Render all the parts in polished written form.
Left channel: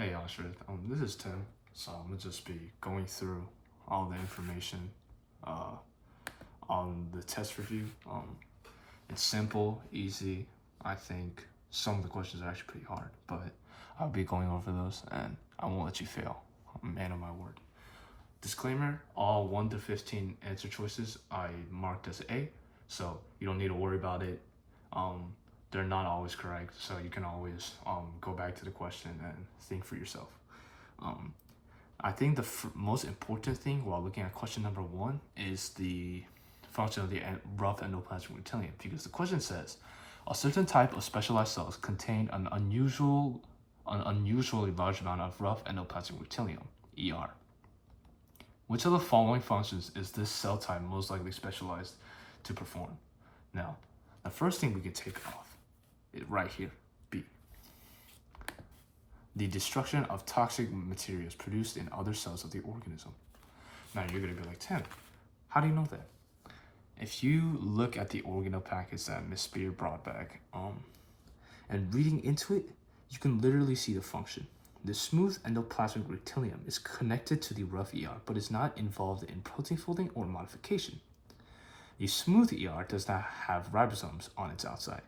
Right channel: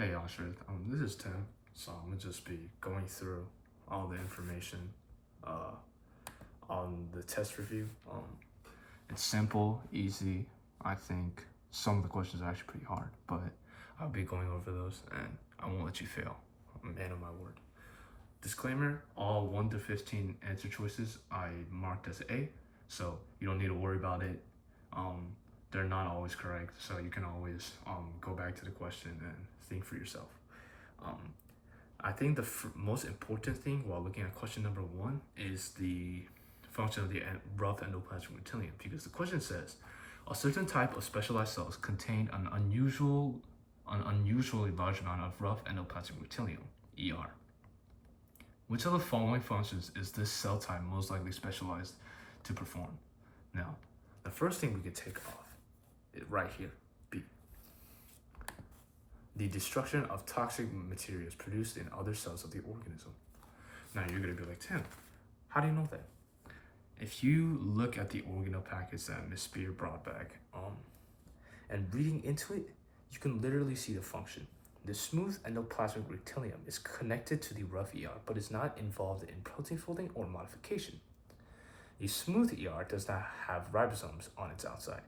Hey Oshrid, this is Tim. So I'm gonna just be going through all the information uh, on the test review. It's simple, easy. I think some of the questions are actually pretty hard, but I'll be going over those and I won't let you fail. Man of my word. Disclaimer, all 1 to 15 answer choices I marked as A, so you don't need to worry about it. They're not always correct, so you can always go back to the question and think for yourself. Um, I think the most important thing while looking at question number 1 is the function of the rough endoplasmic reticulum, because the question says a certain type of specialized cells contain an unusually large amount of rough endoplasmic reticulum, ER. Which of the following functions is this cell type most likely specialized to perform? Now, the first thing we can take off is right here, B. The destruction of toxic materials produced in other cells of the organism. Now you're gonna be like, Tim, how do you know that? If you look at the organelle package that Ms. Spear brought back, and reading into it, you can literally see the function. The smooth endoplasmic reticulum is connected to the rough ER, but is not involved in protein folding or modification. The smooth ER does not have ribosomes on its outside.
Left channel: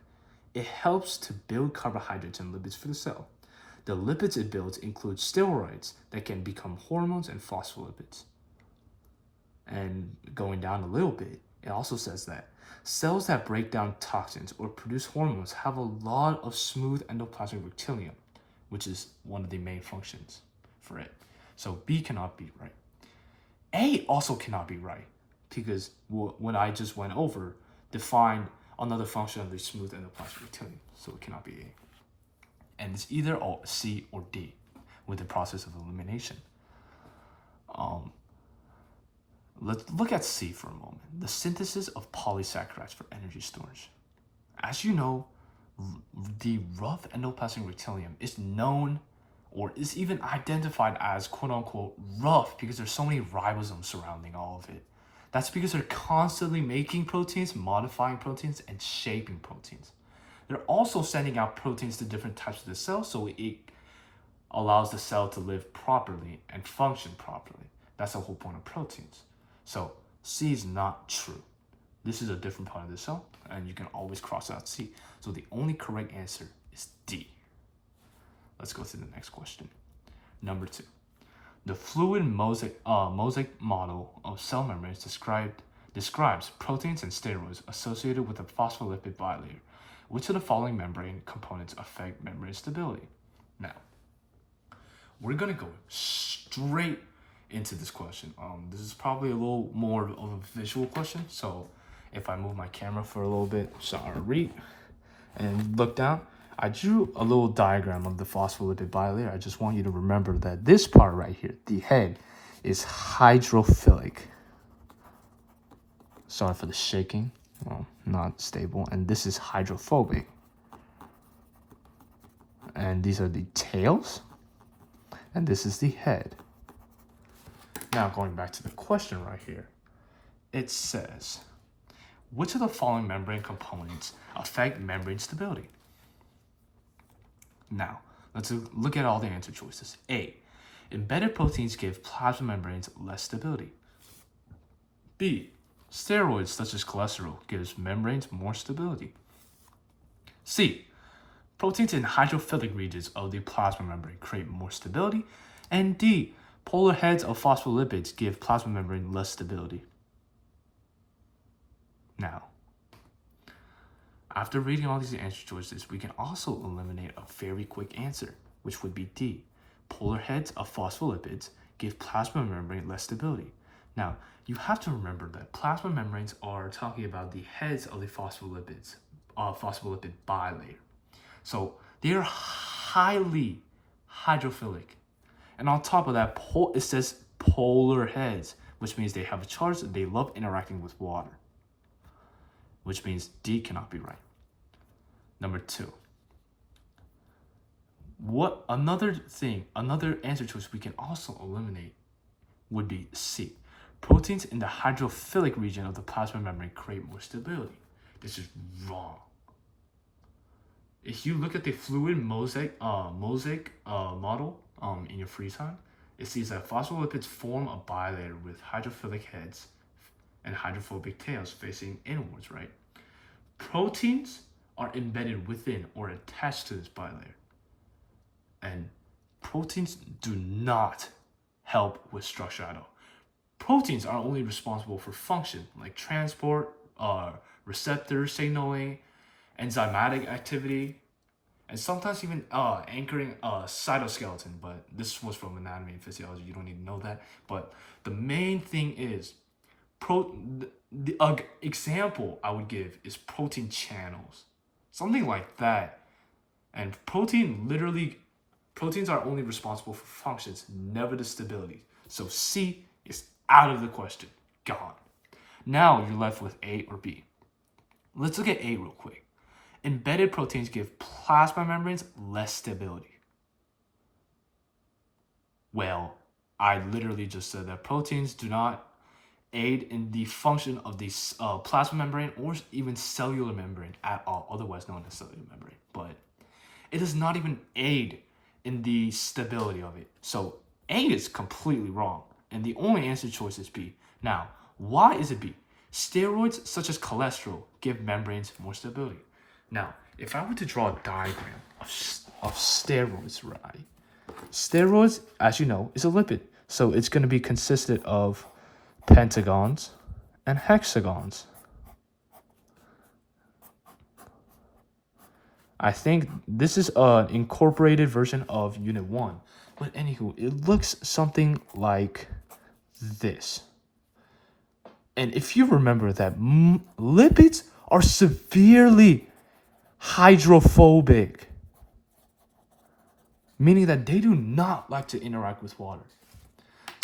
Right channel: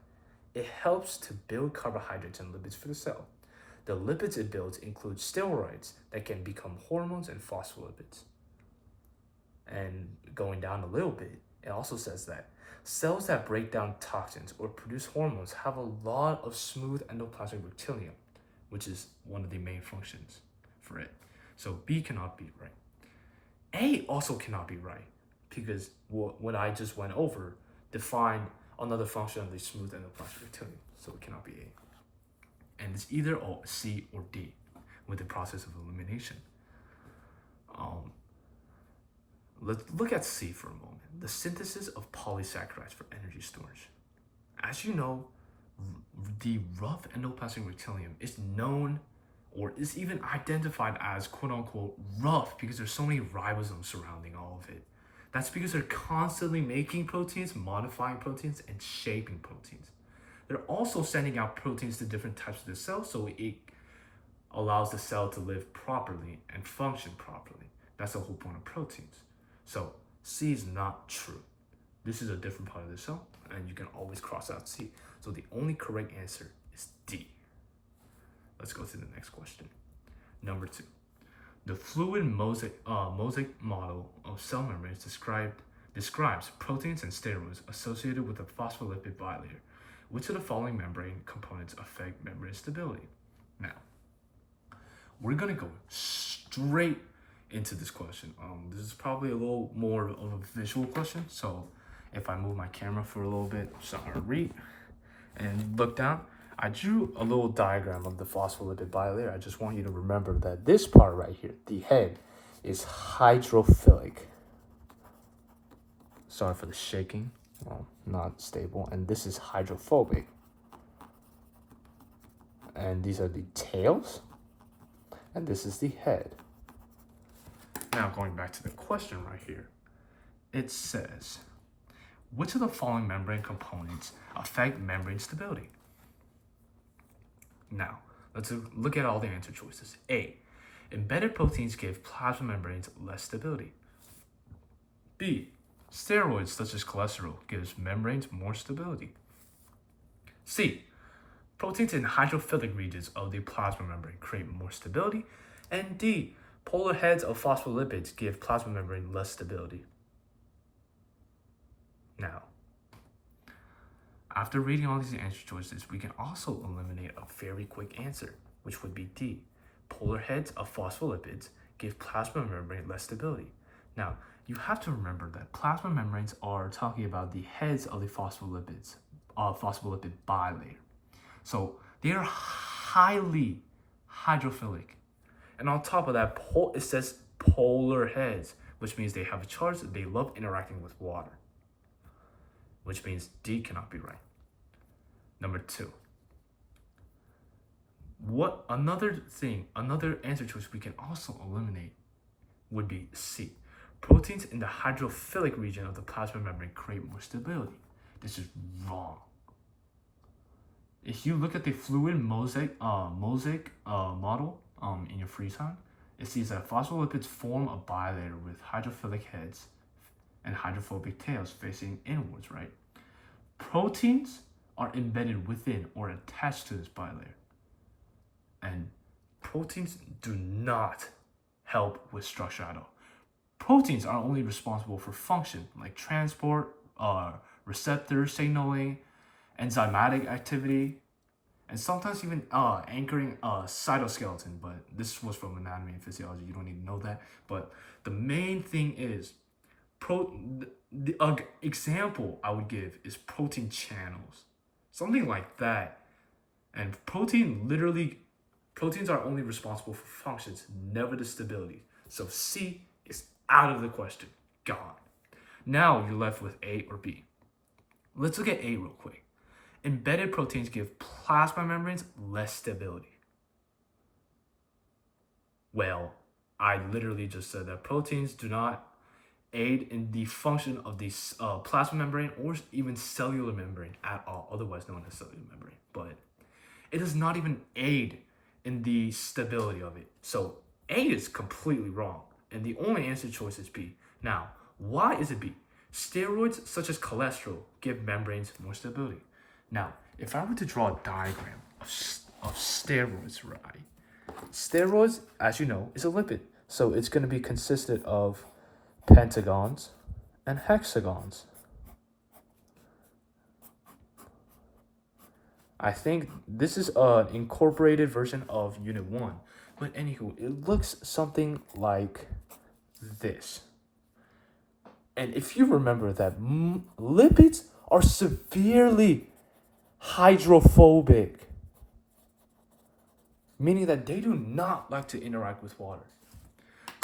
It helps to build carbohydrates and lipids for the cell. The lipids it builds include steroids that can become hormones and phospholipids. And going down a little bit, it also says that cells that break down toxins or produce hormones have a lot of smooth endoplasmic reticulum, which is one of the main functions for it. So B cannot be right. A also cannot be right, because what I just went over defined another function of the smooth endoplasmic reticulum, so it cannot be A. And it's either C or D with the process of elimination. Let's look at C for a moment. The synthesis of polysaccharides for energy storage. As you know, the rough endoplasmic reticulum is known or is even identified as quote unquote rough because there's so many ribosomes surrounding all of it. That's because they're constantly making proteins, modifying proteins, and shaping proteins. They're also sending out proteins to different types of the cell, so it allows the cell to live properly and function properly. That's the whole point of proteins. So C is not true. This is a different part of the cell, and you can always cross out C. So the only correct answer is D. Let's go to the next question. Number 2. The fluid mosaic model of cell membranes describes proteins and steroids associated with a phospholipid bilayer. Which of the following membrane components affect membrane stability? Now, we're gonna go straight into this question. This is probably a little more of a visual question, so if I move my camera for a little bit, sorry, and look down, I drew a little diagram of the phospholipid bilayer. I just want you to remember that this part right here, the head, is hydrophilic. Sorry for the shaking, well, not stable. And this is hydrophobic. And these are the tails, and this is the head. Now going back to the question right here, it says, which of the following membrane components affect membrane stability? Now, let's look at all the answer choices. A, embedded proteins give plasma membranes less stability. B, steroids such as cholesterol gives membranes more stability. C, proteins in hydrophilic regions of the plasma membrane create more stability. And D, polar heads of phospholipids give plasma membrane less stability. Now, after reading all these answer choices, we can also eliminate a very quick answer, which would be D. Polar heads of phospholipids give plasma membrane less stability. Now, you have to remember that plasma membranes are talking about the heads of the phospholipid bilayer. So they are highly hydrophilic. And on top of that, it says polar heads, which means they have a charge that they love interacting with water, which means D cannot be right. Number 2. Another answer choice we can also eliminate would be C. Proteins in the hydrophilic region of the plasma membrane create more stability. This is wrong. If you look at the fluid mosaic model in your free time, it sees that phospholipids form a bilayer with hydrophilic heads and hydrophobic tails facing inwards, right? Proteins are embedded within or attached to this bilayer. And proteins do not help with structure at all. Proteins are only responsible for function like transport, receptor signaling, enzymatic activity, and sometimes even anchoring cytoskeleton. But this was from anatomy and physiology. You don't need to know that. But the main thing is, the example I would give is protein channels, something like that. And proteins are only responsible for functions, never the stability. So C is out of the question, gone. Now you're left with A or B. Let's look at A real quick. Embedded proteins give plasma membranes less stability. Well, I literally just said that proteins do not aid in the function of the plasma membrane or even cellular membrane at all, otherwise known as cellular membrane. But it does not even aid in the stability of it. So A is completely wrong, and the only answer choice is B. Now, why is it B? Steroids such as cholesterol give membranes more stability. Now, if I were to draw a diagram of steroids, right? Steroids, as you know, is a lipid. So it's going to be consisted of pentagons and hexagons. I think this is an incorporated version of Unit 1. But anywho, it looks something like this. And if you remember that lipids are severely hydrophobic, meaning that they do not like to interact with water.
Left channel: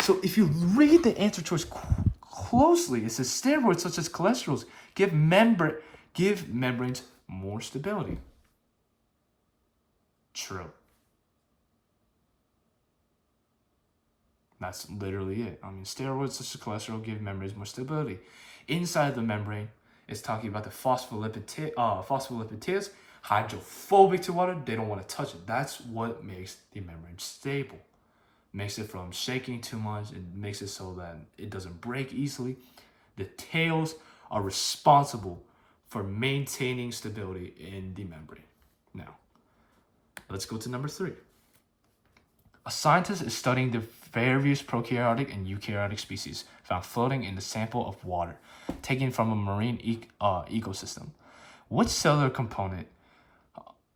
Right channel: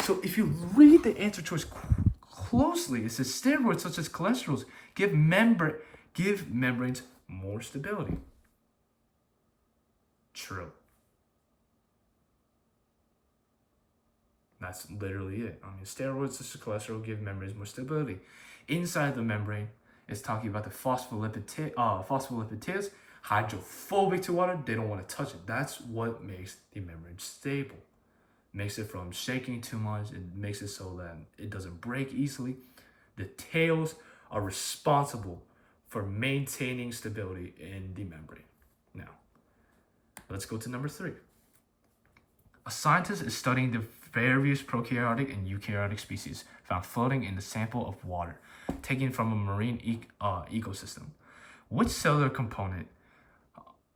So if you read the answer choice closely, it says steroids such as cholesterols give membranes more stability. True. That's literally it. I mean, steroids such as cholesterol give membranes more stability. Inside the membrane, it's talking about the phospholipid tails, hydrophobic to water. They don't want to touch it. That's what makes the membrane stable. Makes it from shaking too much. It makes it so that it doesn't break easily. The tails are responsible for maintaining stability in the membrane. Now, let's go to number 3. A scientist is studying the various prokaryotic and eukaryotic species found floating in the sample of water taken from a marine ecosystem. Which cellular component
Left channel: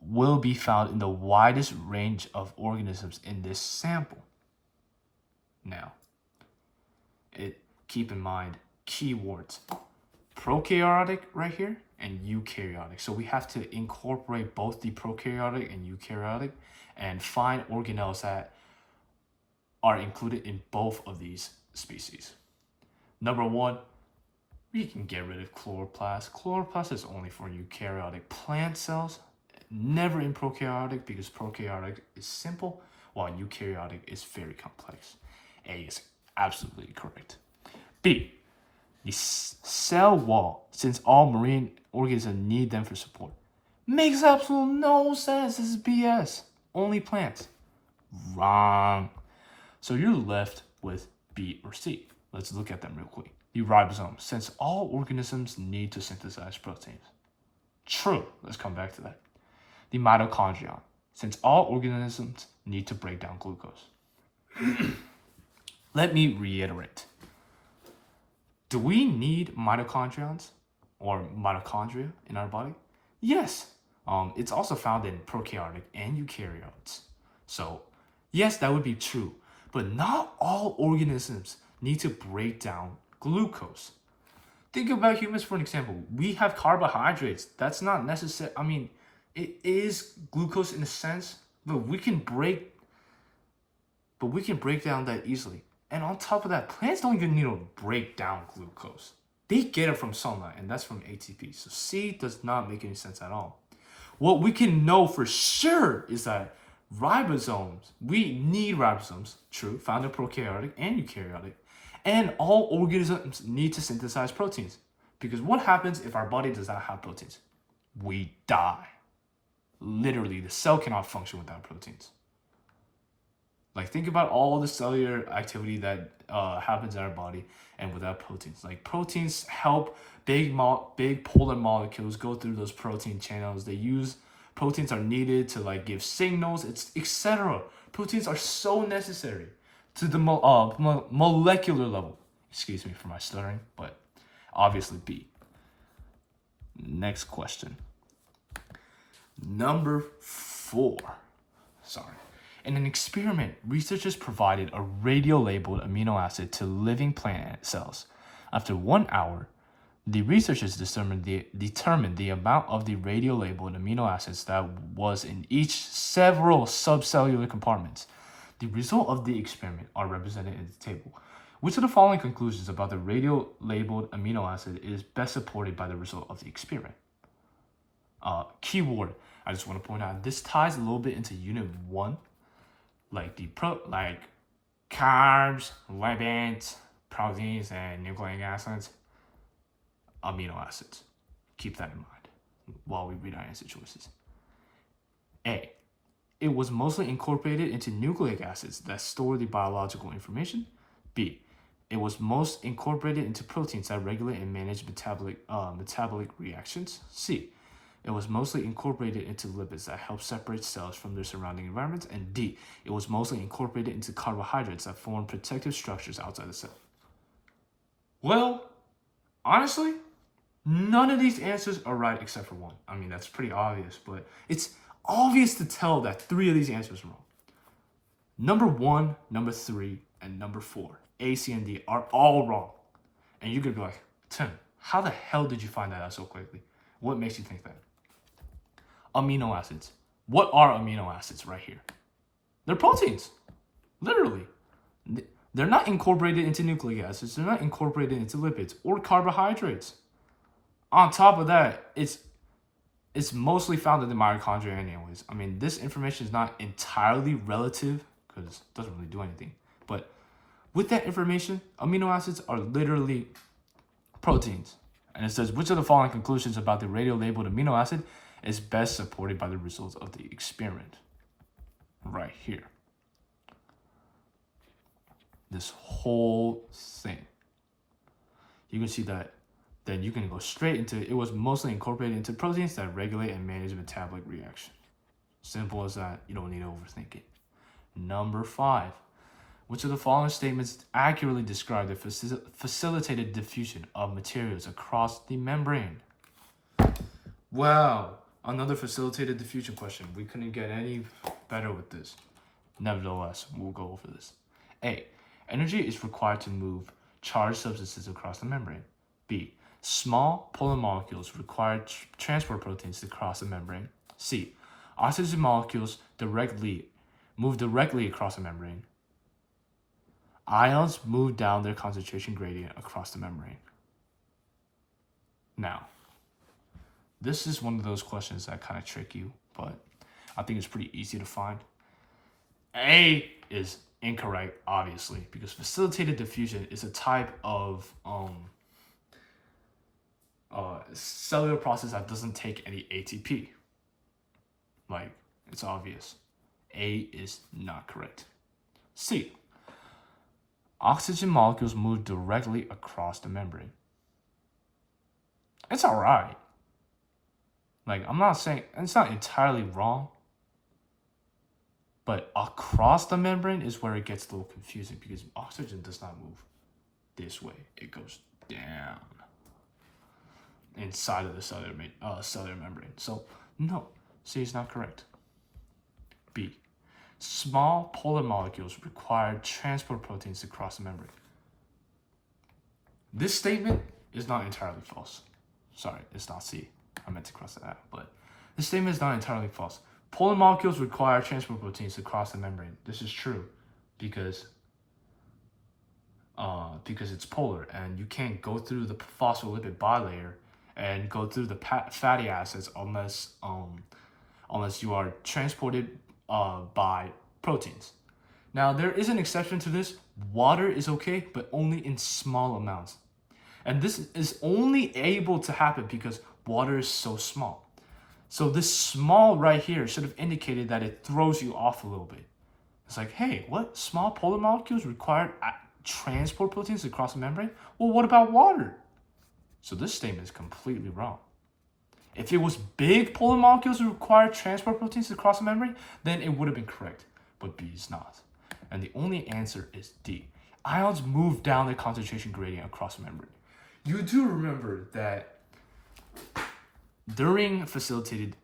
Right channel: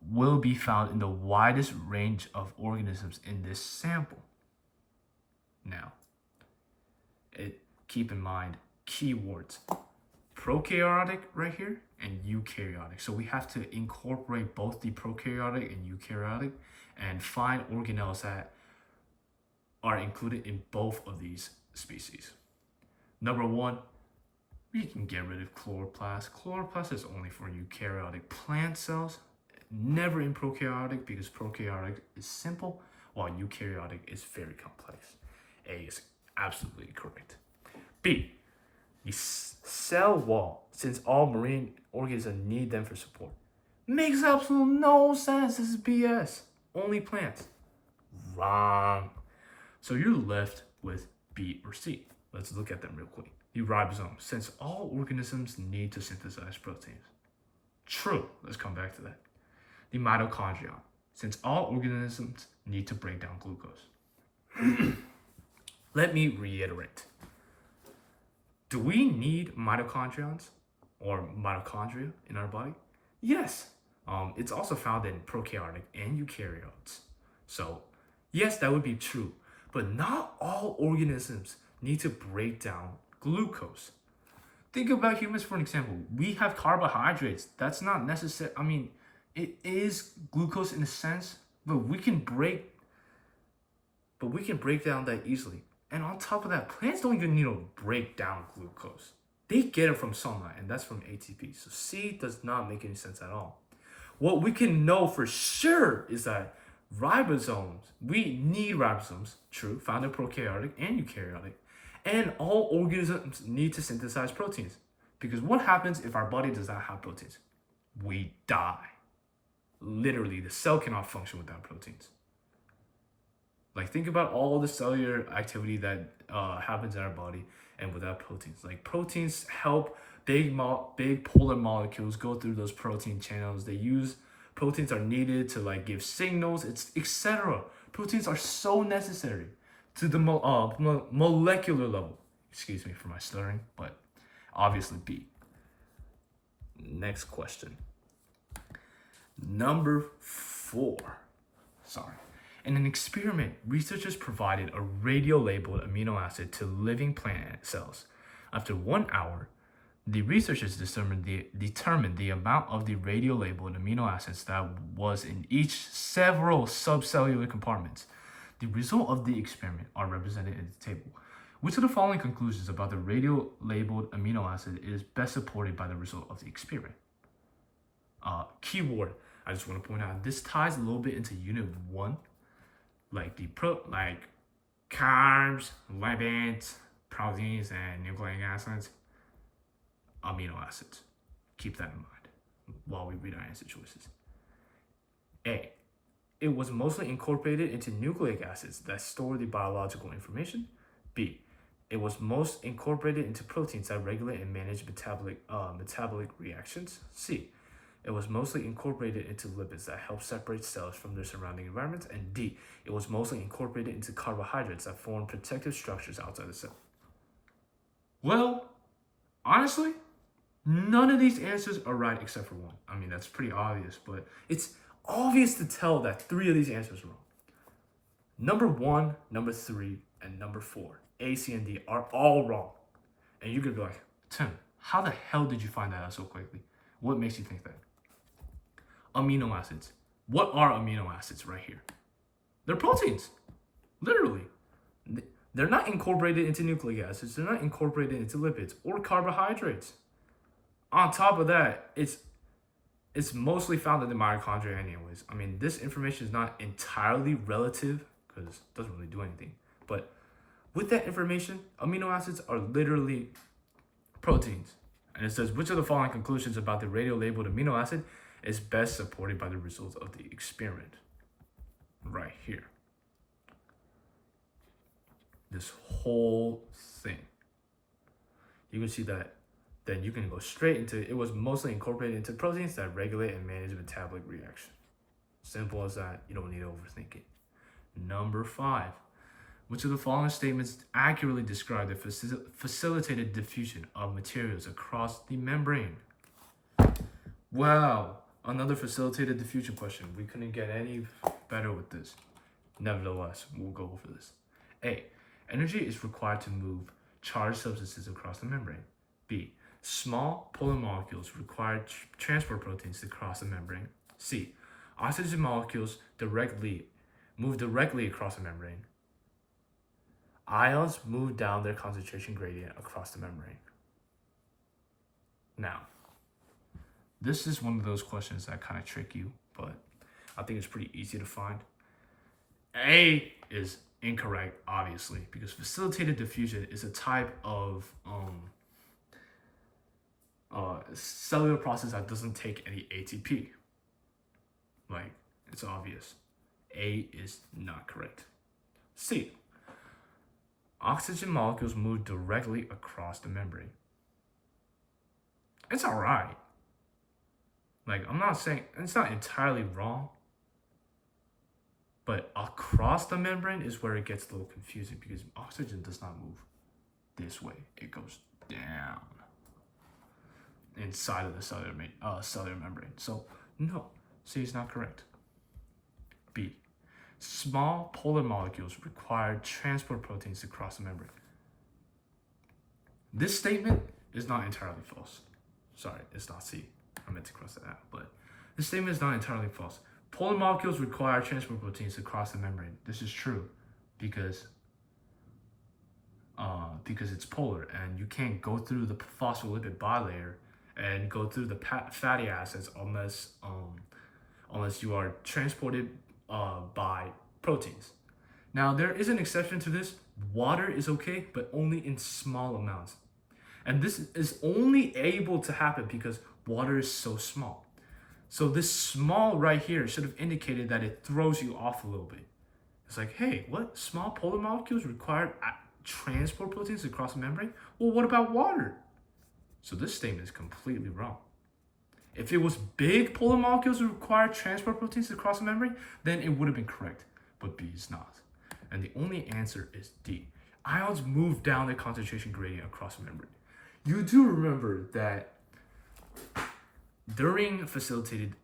will be found in the widest range of organisms in this sample? Now, keep in mind keywords. Prokaryotic right here and eukaryotic. So we have to incorporate both the prokaryotic and eukaryotic and find organelles that are included in both of these species. Number 1, we can get rid of chloroplast. Chloroplast is only for eukaryotic plant cells, never in prokaryotic, because prokaryotic is simple while eukaryotic is very complex. A is absolutely correct. B, the cell wall, since all marine organisms need them for support. Makes absolutely no sense. This is BS. Only plants. Wrong. So you're left with B or C. Let's look at them real quick. The ribosome, since all organisms need to synthesize proteins. True. Let's come back to that. The mitochondrion, since all organisms need to break down glucose. Let me reiterate. Do we need mitochondrions or mitochondria in our body? Yes. It's also found in prokaryotic and eukaryotes. So, yes, that would be true. But not all organisms need to break down glucose. Think about humans for an example. We have carbohydrates. That's not necessary. I mean, it is glucose in a sense, but we can break down that easily. And on top of that, plants don't even need to break down glucose. They get it from sunlight, and that's from ATP. So C does not make any sense at all. What we can know for sure is that we need ribosomes, true, found in prokaryotic and eukaryotic, and all organisms need to synthesize proteins. Because what happens if our body does not have proteins? We die. Literally, the cell cannot function without proteins. Like, think about all the cellular activity that happens in our body and without proteins. Like, proteins help big polar molecules go through those protein channels. Proteins are needed to like give signals, it's etc. Proteins are so necessary to the molecular level. Excuse me for my stuttering, but obviously B. Next question. Number 4. Sorry. In an experiment, researchers provided a radio-labeled amino acid to living plant cells. After 1 hour, the researchers determined the amount of the radio-labeled amino acids that was in each several subcellular compartments. The result of the experiment are represented in the table. Which of the following conclusions about the radio-labeled amino acid is best supported by the result of the experiment? Keyword. I just want to point out this ties a little bit into Unit 1, like carbs, lipids, proteins, and nucleic acids, amino acids. Keep that in mind while we read our answer choices. A. It was mostly incorporated into nucleic acids that store the biological information. B. It was most incorporated into proteins that regulate and manage metabolic reactions. C. It was mostly incorporated into lipids that help separate cells from their surrounding environment. And D. It was mostly incorporated into carbohydrates that form protective structures outside the cell. Well, honestly, none of these answers are right except for one. I mean, that's pretty obvious, but it's obvious to tell that 3 of these answers are wrong. Number 1, number 3, and number 4, A, C, and D, are all wrong. And you could be like, Tim, how the hell did you find that out so quickly? What makes you think that? Amino acids. What are amino acids right here? They're proteins. Literally. They're not incorporated into nucleic acids. They're not incorporated into lipids or carbohydrates. On top of that, it's mostly found in the mitochondria anyways. I mean, this information is not entirely relative because it doesn't really do anything. But with that information, amino acids are literally proteins. And it says, which of the following conclusions about the radio-labeled amino acid is best supported by the results of the experiment? Right here. This whole thing. You can see that. Then you can go straight into it was mostly incorporated into proteins that regulate and manage metabolic reaction. Simple as that. You don't need to overthink it. Number 5. Which of the following statements accurately describe the facilitated diffusion of materials across the membrane? Wow, another facilitated diffusion question. We couldn't get any better with this. Nevertheless, we'll go over this. A. Energy is required to move charged substances across the membrane. B. Small polar molecules require transport proteins to cross the membrane. C. Oxygen molecules move directly across the membrane. Ions move down their concentration gradient across the membrane. Now, this is one of those questions that kind of trick you, but I think it's pretty easy to find. A is incorrect, obviously, because facilitated diffusion is a type of cellular process that doesn't take any ATP. Like, it's obvious. A is not correct. C. Oxygen molecules move directly across the membrane. It's alright. Like, I'm not saying, it's not entirely wrong, but across the membrane is where it gets a little confusing because oxygen does not move this way. It goes down inside of the cellular membrane. So, no, C is not correct. B. Small polar molecules require transport proteins to cross the membrane. This statement is not entirely false. Sorry, it's not C. I meant to cross that out, but this statement is not entirely false. Polar molecules require transport proteins to cross the membrane. This is true because it's polar and you can't go through the phospholipid bilayer and go through the fatty acids unless you are transported by proteins. Now, there is an exception to this. Water is okay, but only in small amounts. And this is only able to happen because water is so small. So this small right here should have indicated that it throws you off a little bit. It's like, hey, what? Small polar molecules require transport proteins across the membrane? Well, what about water? So this statement is completely wrong. If it was big polar molecules that require transport proteins across the membrane, then it would have been correct. But B is not. And the only answer is D. Ions move down the concentration gradient across the membrane. You do remember that during facilitated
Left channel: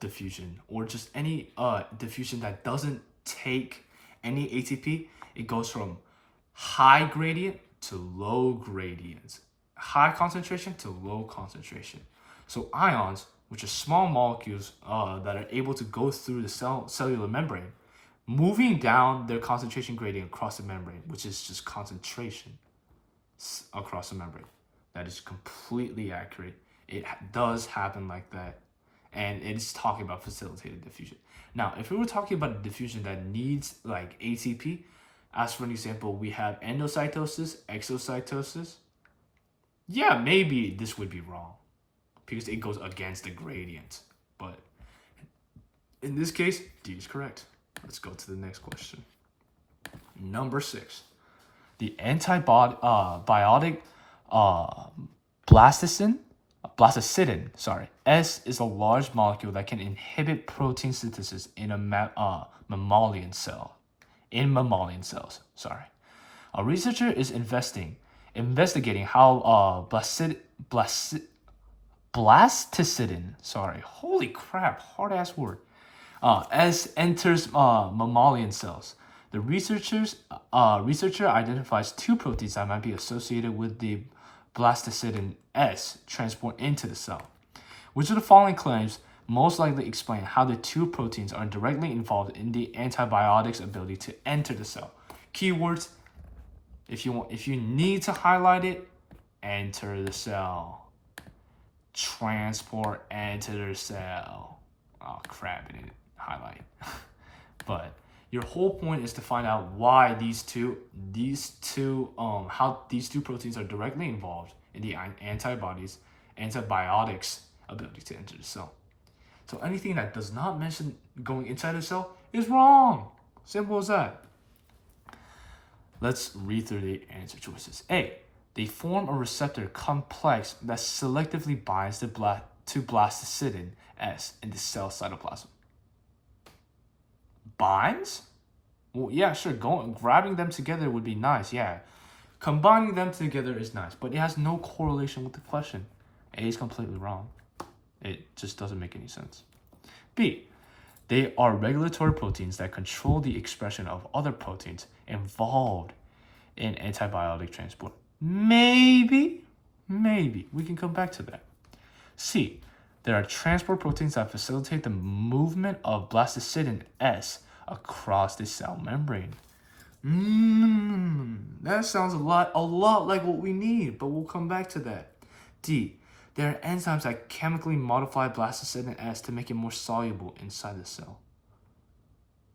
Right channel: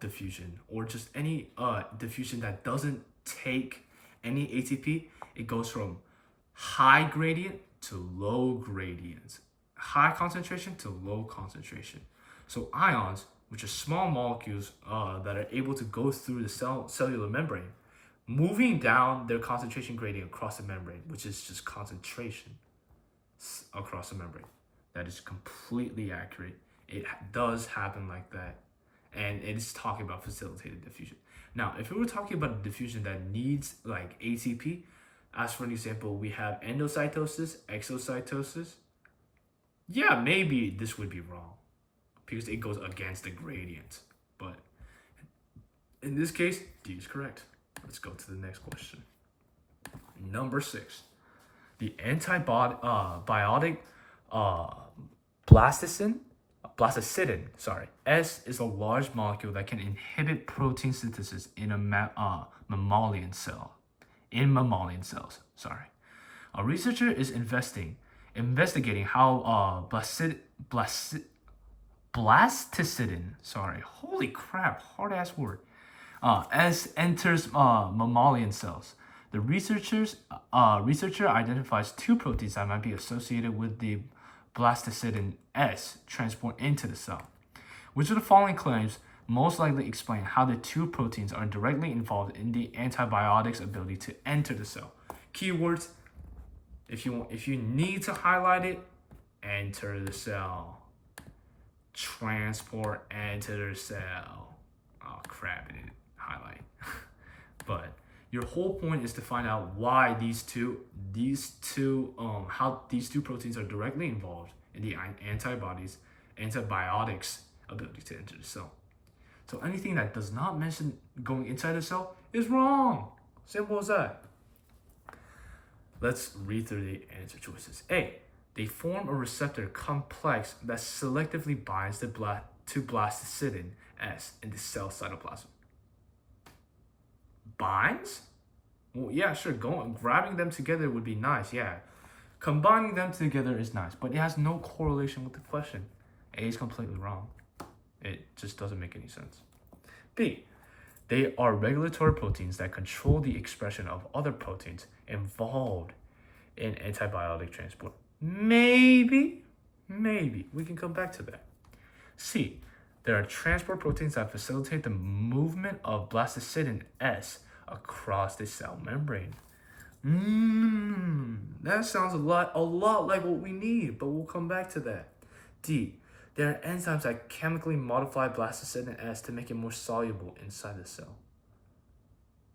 diffusion, or just any diffusion that doesn't take any ATP, it goes from high gradient to low gradient, high concentration to low concentration. So ions, which are small molecules that are able to go through the cellular membrane, moving down their concentration gradient across the membrane, which is just concentration across the membrane. That is completely accurate. It does happen like that. And it is talking about facilitated diffusion. Now, if we were talking about a diffusion that needs like ATP, as for an example, we have endocytosis, exocytosis. Yeah, maybe this would be wrong because it goes against the gradient. But in this case, D is correct. Let's go to the next question. Number 6. The antibiotic blastocidin, S is a large molecule that can inhibit protein synthesis in a mammalian cell. In mammalian cells, A researcher is investigating how blastocidin, holy crap, hard ass word, as enters mammalian cells. The researcher identifies 2 proteins that might be associated with the blastocidin S transport into the cell. Which of the following claims most likely explain how the 2 proteins are directly involved in the antibiotic's ability to enter the cell? Keywords, if you need to highlight it, enter the cell. Transport, enter the cell. Oh crap, it didn't highlight. But your whole point is to find out why how these two proteins are directly involved in the antibiotics' ability to enter the cell. So anything that does not mention going inside the cell is wrong. Simple as that. Let's read through the answer choices. A. They form a receptor complex that selectively binds to blastocidin S in the cell cytoplasm. Binds? Well, yeah, sure. Grabbing them together would be nice, yeah. Combining them together is nice, but it has no correlation with the question. A is completely wrong. It just doesn't make any sense. B. They are regulatory proteins that control the expression of other proteins involved in antibiotic transport. Maybe. We can come back to that. C. There are transport proteins that facilitate the movement of blastocidin S across the cell membrane. That sounds a lot like what we need, but we'll come back to that. D. There are enzymes that chemically modify blastocidin S to make it more soluble inside the cell.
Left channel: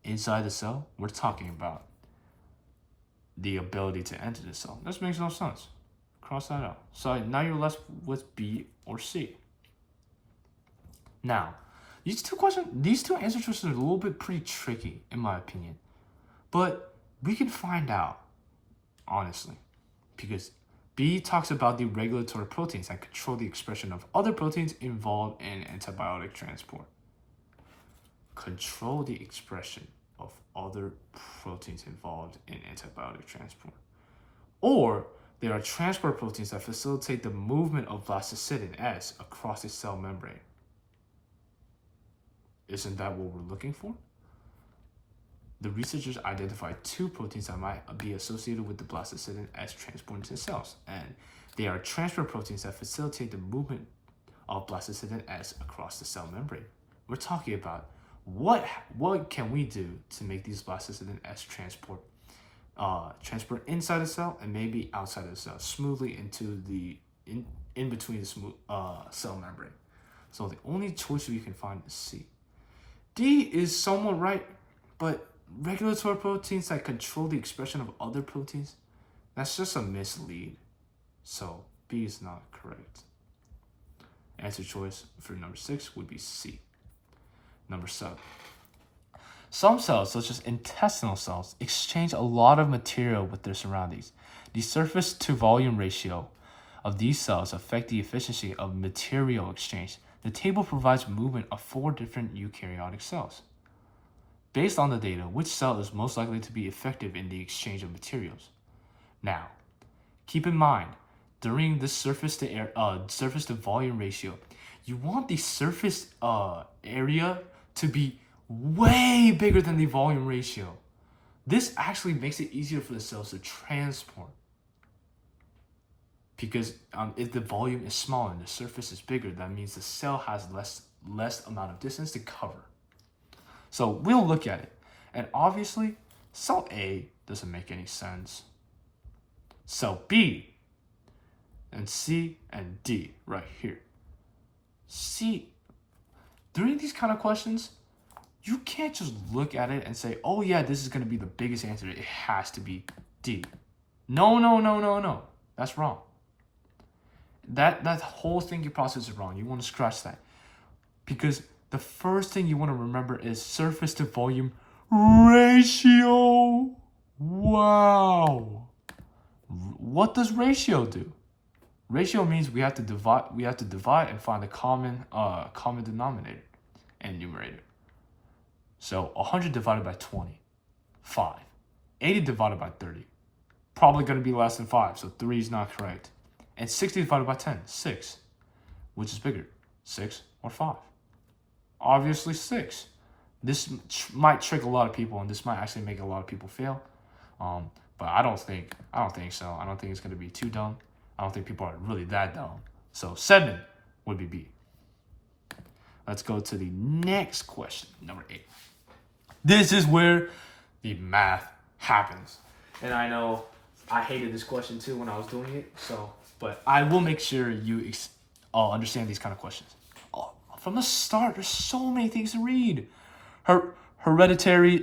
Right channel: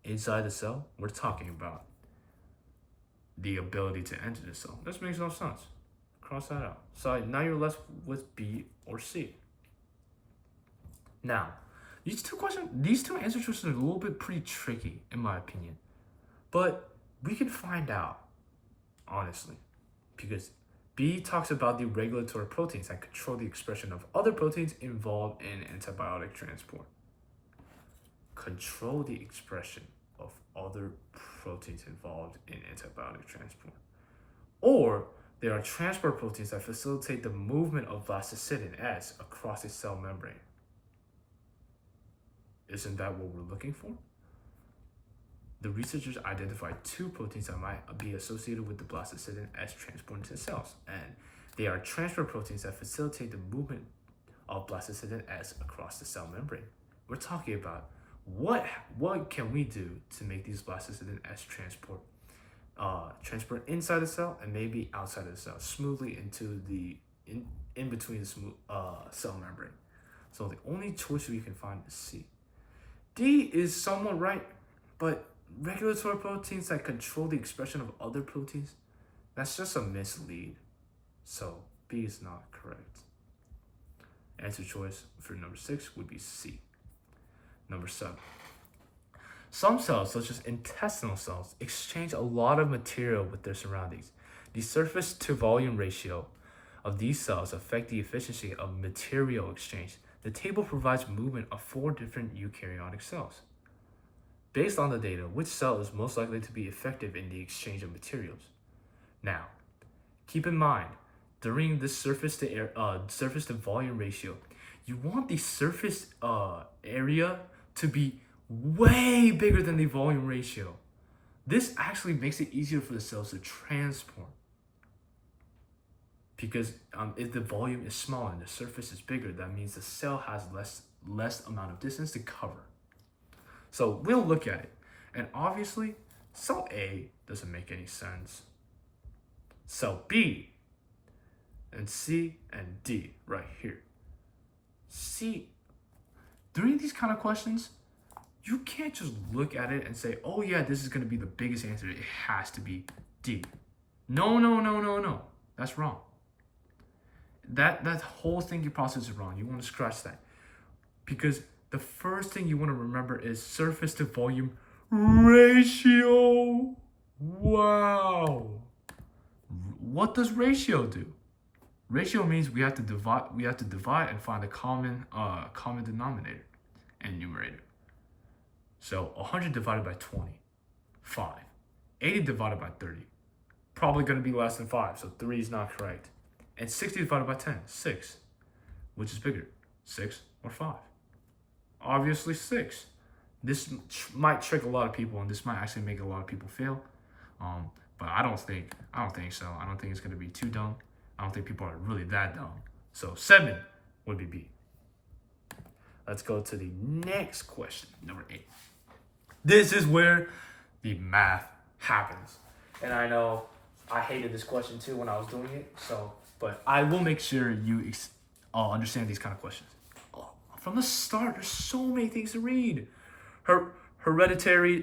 Inside the cell, we're talking about the ability to enter the cell. This makes no sense. Cross that out. So now you're left with B or C. Now, these two answer choices are a little bit pretty tricky, in my opinion. But we can find out, honestly, because B talks about the regulatory proteins that control the expression of other proteins involved in antibiotic transport. Control the expression of other proteins involved in antibiotic transport. Or there are transport proteins that facilitate the movement of blastocidin S across the cell membrane. Isn't that what we're looking for? The researchers identified 2 proteins that might be associated with the blastocidin S transport into cells, and they are transport proteins that facilitate the movement of blastocidin S across the cell membrane. We're talking about what can we do to make these blastocidin S transport inside the cell and maybe outside of the cell smoothly into the in between the cell membrane. So the only choice we can find is C. D is somewhat right, but regulatory proteins that control the expression of other proteins, that's just a mislead. So B is not correct. Answer choice for number 6 would be C. Number 7. Some cells, such as intestinal cells, exchange a lot of material with their surroundings. The surface to volume ratio of these cells affect the efficiency of material exchange. The table provides movement of 4 different eukaryotic cells. Based on the data, which cell is most likely to be effective in the exchange of materials? Now, keep in mind, during the surface to volume ratio, you want the surface area to be way bigger than the volume ratio. This actually makes it easier for the cells to transport. Because if the volume is small and the surface is bigger, that means the cell has less amount of distance to cover. So we'll look at it. And obviously, cell A doesn't make any sense. Cell B and C and D right here. C, during these kind of questions, you can't just look at it and say, oh yeah, this is going to be the biggest answer. It has to be D. No. That's wrong. That whole thinking process is wrong. You want to scratch that. Because the first thing you want to remember is surface to volume ratio. Wow. What does ratio do? Ratio means we have to divide and find the common denominator and numerator. So 100 divided by 20, 5. 80 divided by 30, probably going to be less than 5, so 3 is not correct. And 60 divided by 10, 6. Which is bigger, 6 or 5? Obviously 6. This might trick a lot of people, and this might actually make a lot of people fail. But I don't think so. I don't think it's going to be too dumb. I don't think people are really that dumb. So 7 would be B. Let's go to the next question, number 8. This is where the math happens. And I know I hated this question too when I was doing it. But I will make sure you understand these kind of questions. From the start, there's so many things to read. Hereditary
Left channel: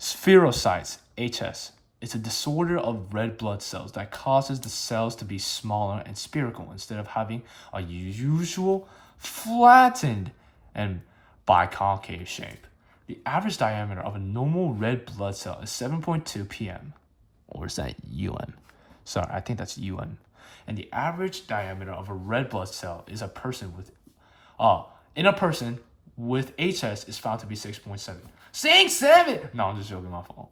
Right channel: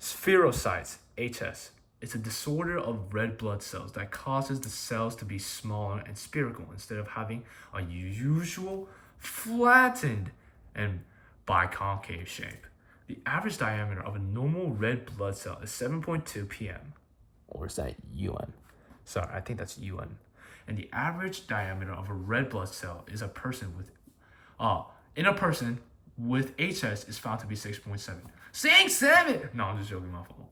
spherocytes, HS. It's a disorder of red blood cells that causes the cells to be smaller and spherical instead of having a usual flattened and biconcave shape. The average diameter of a normal red blood cell is 7.2 pm. Or is that UM? Sorry, I think that's UM. And the average diameter of a red blood cell is in a person with HS is found to be 6.7. 6.7! No, I'm just joking, my fault.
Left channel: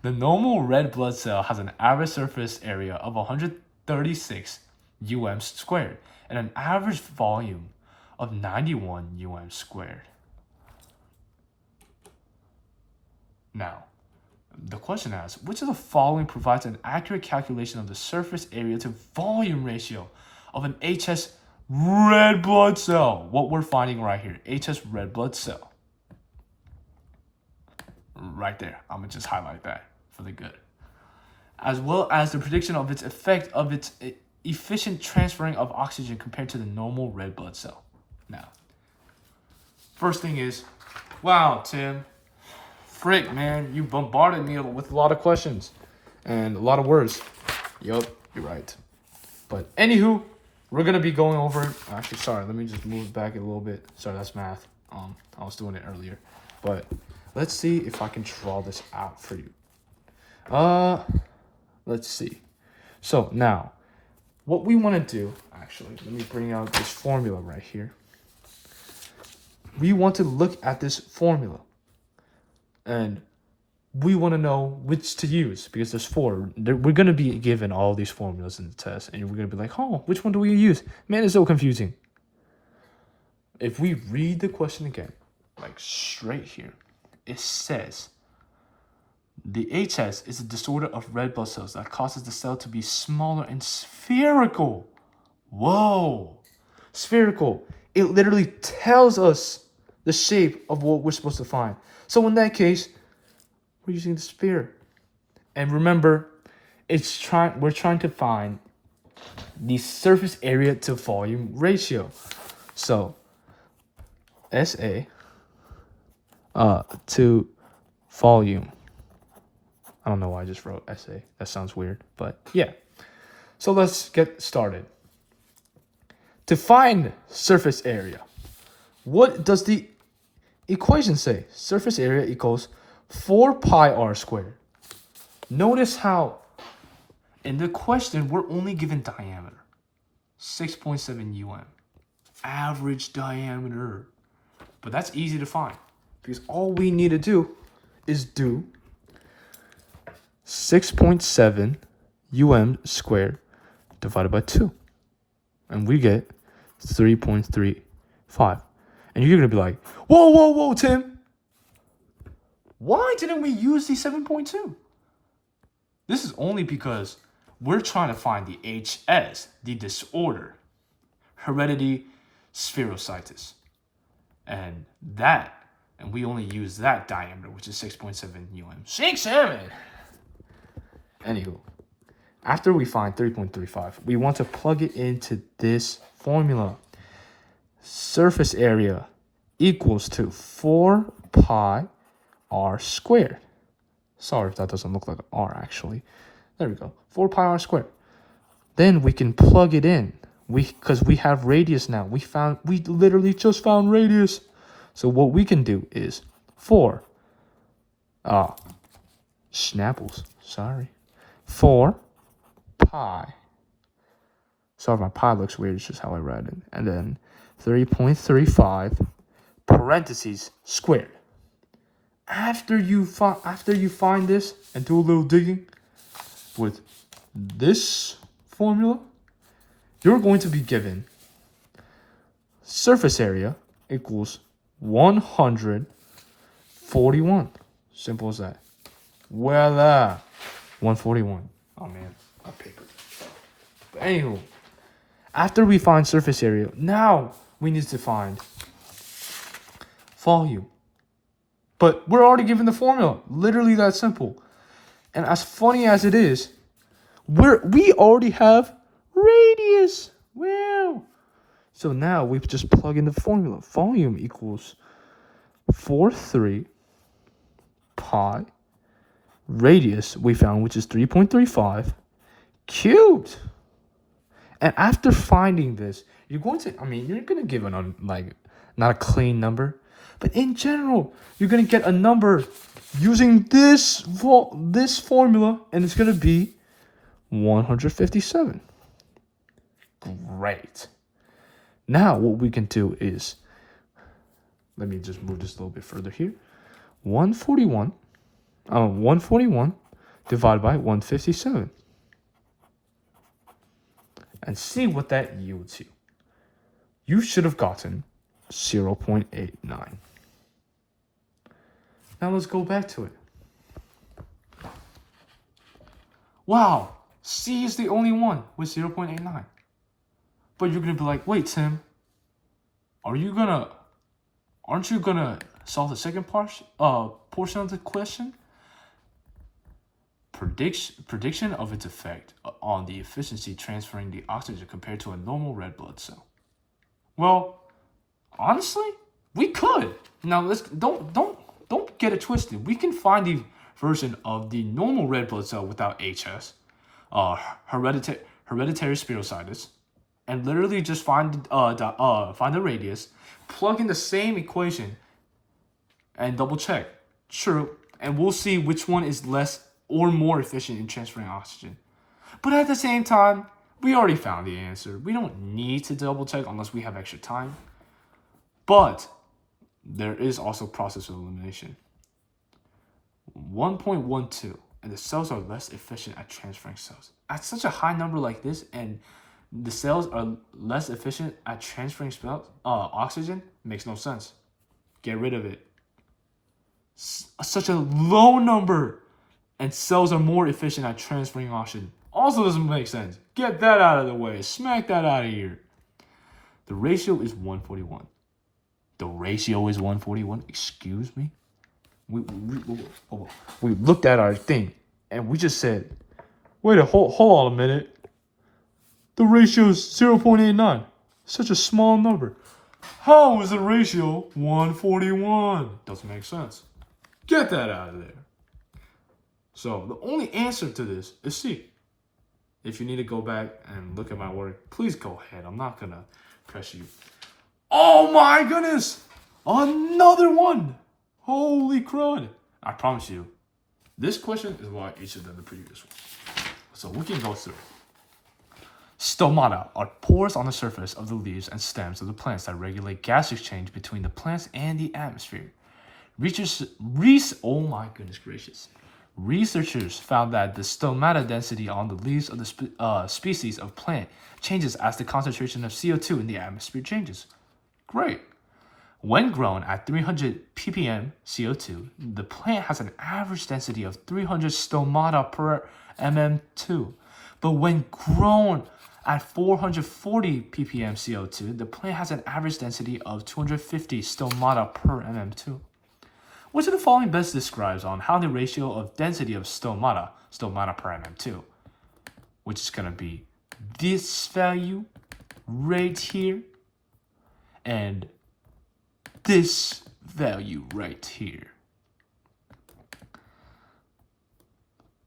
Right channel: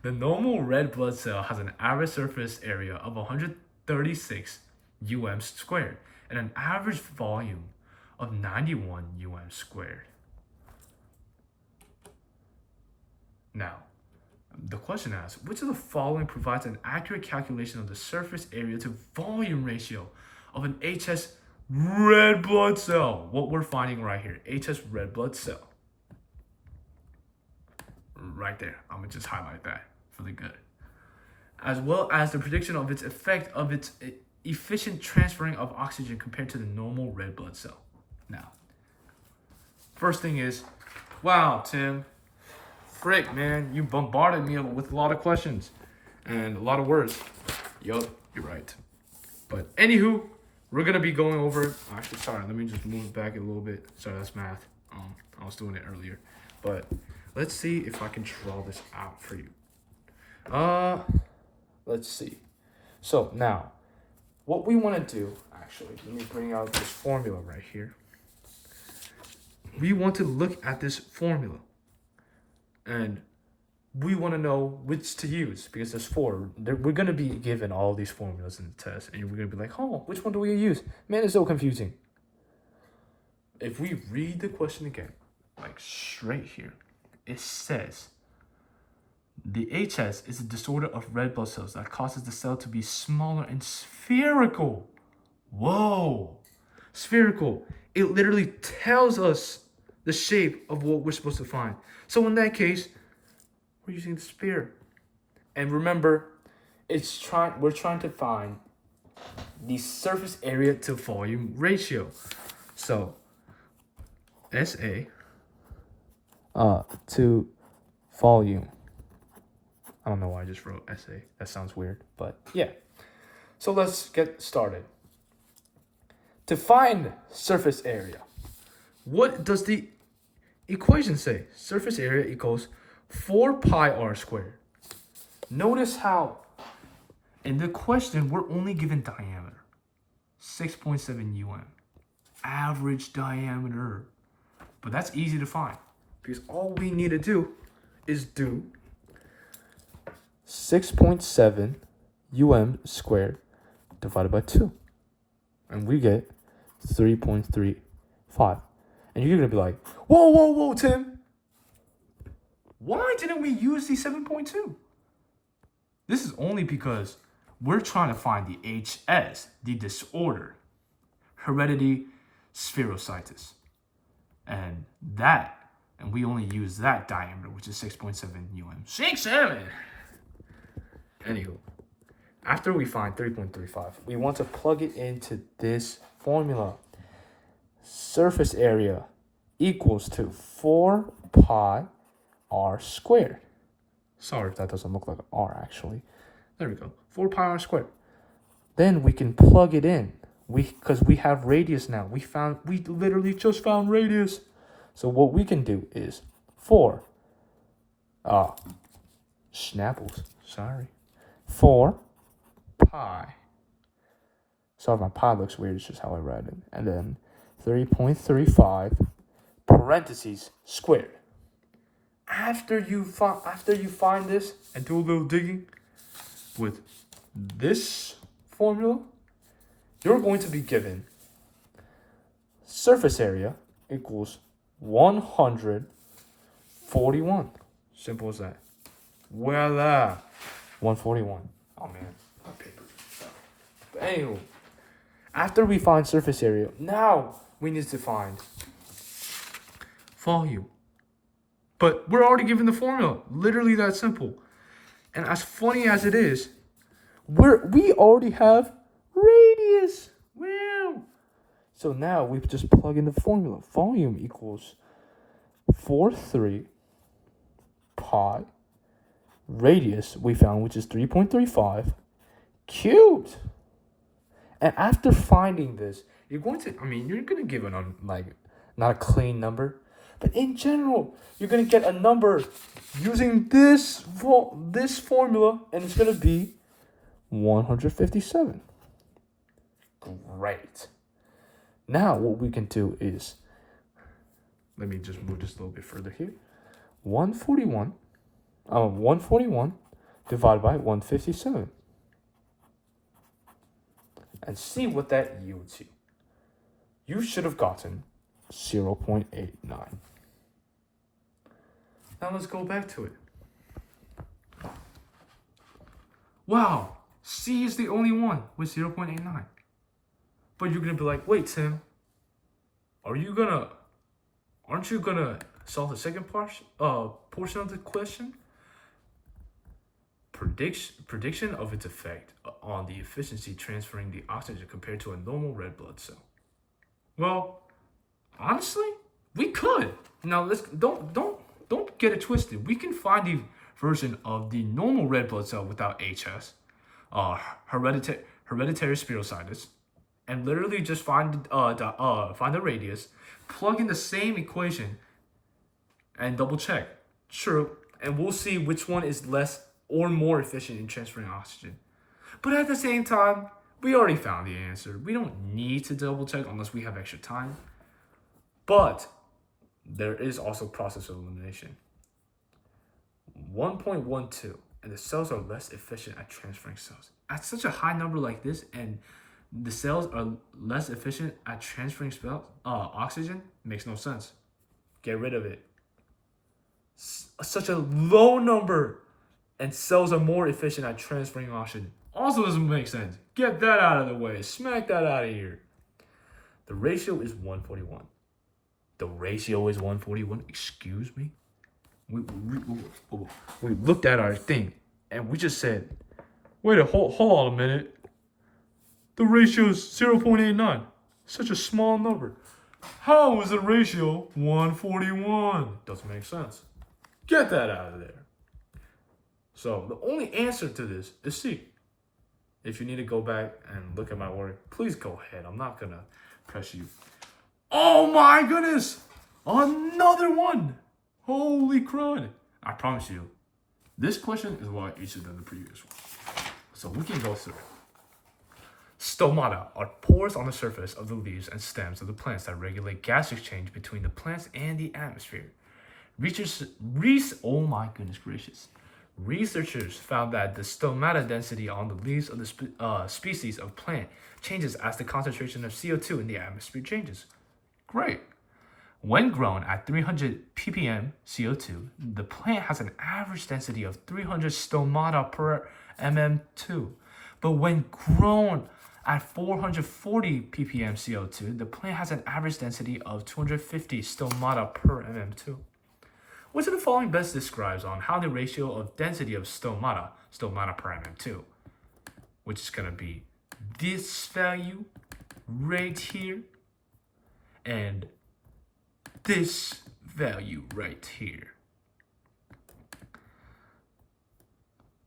The normal red blood cell has an average surface area of 136 UM squared and an average volume of 91 UM squared. Now, the question asks, which of the following provides an accurate calculation of the surface area to volume ratio of an HS red blood cell? What we're finding right here, HS red blood cell. Right there, I'm gonna just highlight that for the good. As well as the prediction of its effect of its efficient transferring of oxygen compared to the normal red blood cell. Now, first thing is, wow, Tim, frick, man, you bombarded me with a lot of questions and a lot of words. Yup, you're right. But anywho, we're gonna be going over. Actually, sorry, let me just move it back a little bit. Sorry, that's math. I was doing it earlier, but let's see if I can draw this out for you. Let's see. So now, what we want to do, actually, let me bring out this formula right here. We want to look at this formula. And we want to know which to use because there's 4. We're going to be given all these formulas in the test. And we're going to be like, oh, which one do we use? Man, it's so confusing. If we read the question again, like straight here, it says, the HS is a disorder of red blood cells that causes the cell to be smaller and spherical. Whoa, spherical. It literally tells us the shape of what we're supposed to find. So in that case, we're using the sphere. And remember, we're trying to find the surface area to volume ratio. So SA to volume. I don't know why I just wrote SA. That sounds weird, but yeah. So let's get started. To find surface area, what does the equations say surface area equals 4 pi r squared. Notice how in the question we're only given diameter, 6.7 um, average diameter. But that's easy to find because all we need to do is do 6.7 squared divided by 2. And we get 3.35. And you're going to be like, whoa, Tim. Why didn't we use the 7.2? This is only because we're trying to find the HS, the disorder, heredity spherocytis. And we only use that diameter, which is 6.7 um. 6.7! Anywho, after we find 3.35, we want to plug it into this formula. Surface area equals to 4 pi r squared. Sorry if that doesn't look like an r actually. There we go. 4 pi r squared. Then we can plug it in. Because we have radius now. We literally just found radius. So what we can do is 4 Schnapples. Sorry. 4 pi. Sorry, my pi looks weird. It's just how I write it. And then 3.35 parentheses squared. After you find this and do a little digging with this formula, you're going to be given surface area equals 141. Simple as that. Voila. 141. Oh man, my paper. Anywho, after we find surface area, now we need to find volume. But we're already given the formula. Literally that simple. And as funny as it is, we already have radius. Wow. So now we just plug in the formula. Volume equals 4.3 pi. Radius we found, which is 3.35 cubed. And after finding this, you're going to give it not a clean number, but in general, you're going to get a number using this formula, and it's going to be 157. Great. Now what we can do is, let me just move this a little bit further here. 141 divided by 157. And see what that yields you. You should have gotten 0.89. Now let's go back to it. Wow, C is the only one with 0.89. But you're gonna be like, wait, Tim, aren't you gonna solve the second portion of the question? Prediction of its effect on the efficiency transferring the oxygen compared to a normal red blood cell. Well, honestly, we could. Now let's don't get it twisted. We can find the version of the normal red blood cell without HS, hereditary spherocytis, and literally just find the radius, plug in the same equation, and double check. True, and we'll see which one is less or more efficient in transferring oxygen. But at the same time, we already found the answer. We don't need to double check unless we have extra time. But there is also process of elimination. 1.12, and the cells are less efficient at transferring cells. At such a high number like this, and the cells are less efficient at transferring oxygen, makes no sense. Get rid of it. Such a low number, and cells are more efficient at transferring oxygen. Also doesn't make sense. Get that out of the way. Smack that out of here. The ratio is 141. The ratio is 141. Excuse me? We looked at our thing, and we just said, wait hold on a minute. The ratio is 0.89. Such a small number. How is the ratio 141? Doesn't make sense. Get that out of there. So the only answer to this is C. If you need to go back and look at my work, please go ahead. I'm not going to press you. Oh my goodness. Another one! Holy crud! I promise you, this question is a lot easier than the previous one. So we can go through it. Stomata are pores on the surface of the leaves and stems of the plants that regulate gas exchange between the plants and the atmosphere. Oh my goodness gracious. Researchers found that the stomata density on the leaves of the species of plant changes as the concentration of CO2 in the atmosphere changes. Great. When grown at 300 ppm CO2, the plant has an average density of 300 stomata per mm2. But when grown at 440 ppm CO2, the plant has an average density of 250 stomata per mm2. Which of the following best describes on how the ratio of density of stomata per mm2, which is going to be this value right here and this value right here.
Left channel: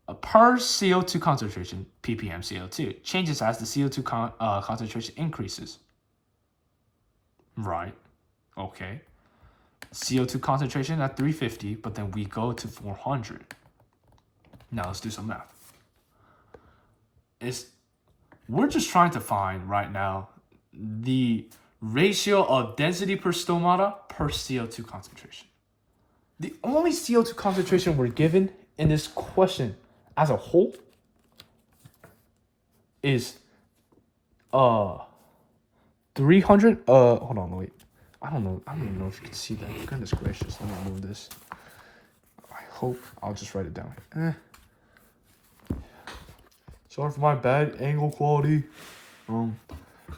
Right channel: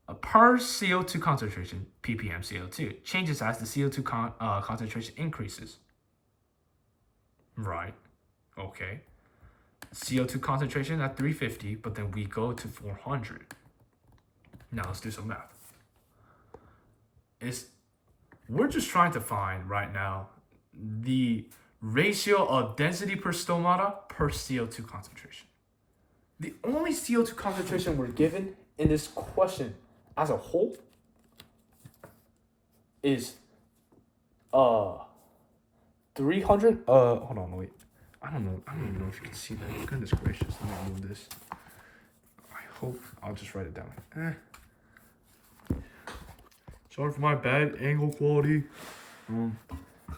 A per CO2 concentration, ppm CO2, changes as the CO2 concentration increases. Right, okay. CO2 concentration at 350, but then we go to 400. Now let's do some math. We're just trying to find right now the ratio of density per stomata per CO2 concentration. The only CO2 concentration we're given in this question as a whole is 300. Hold on, wait. I don't even know if you can see that. Goodness gracious, let me move this. I hope I'll just write it down. Sorry for my bad angle quality. We're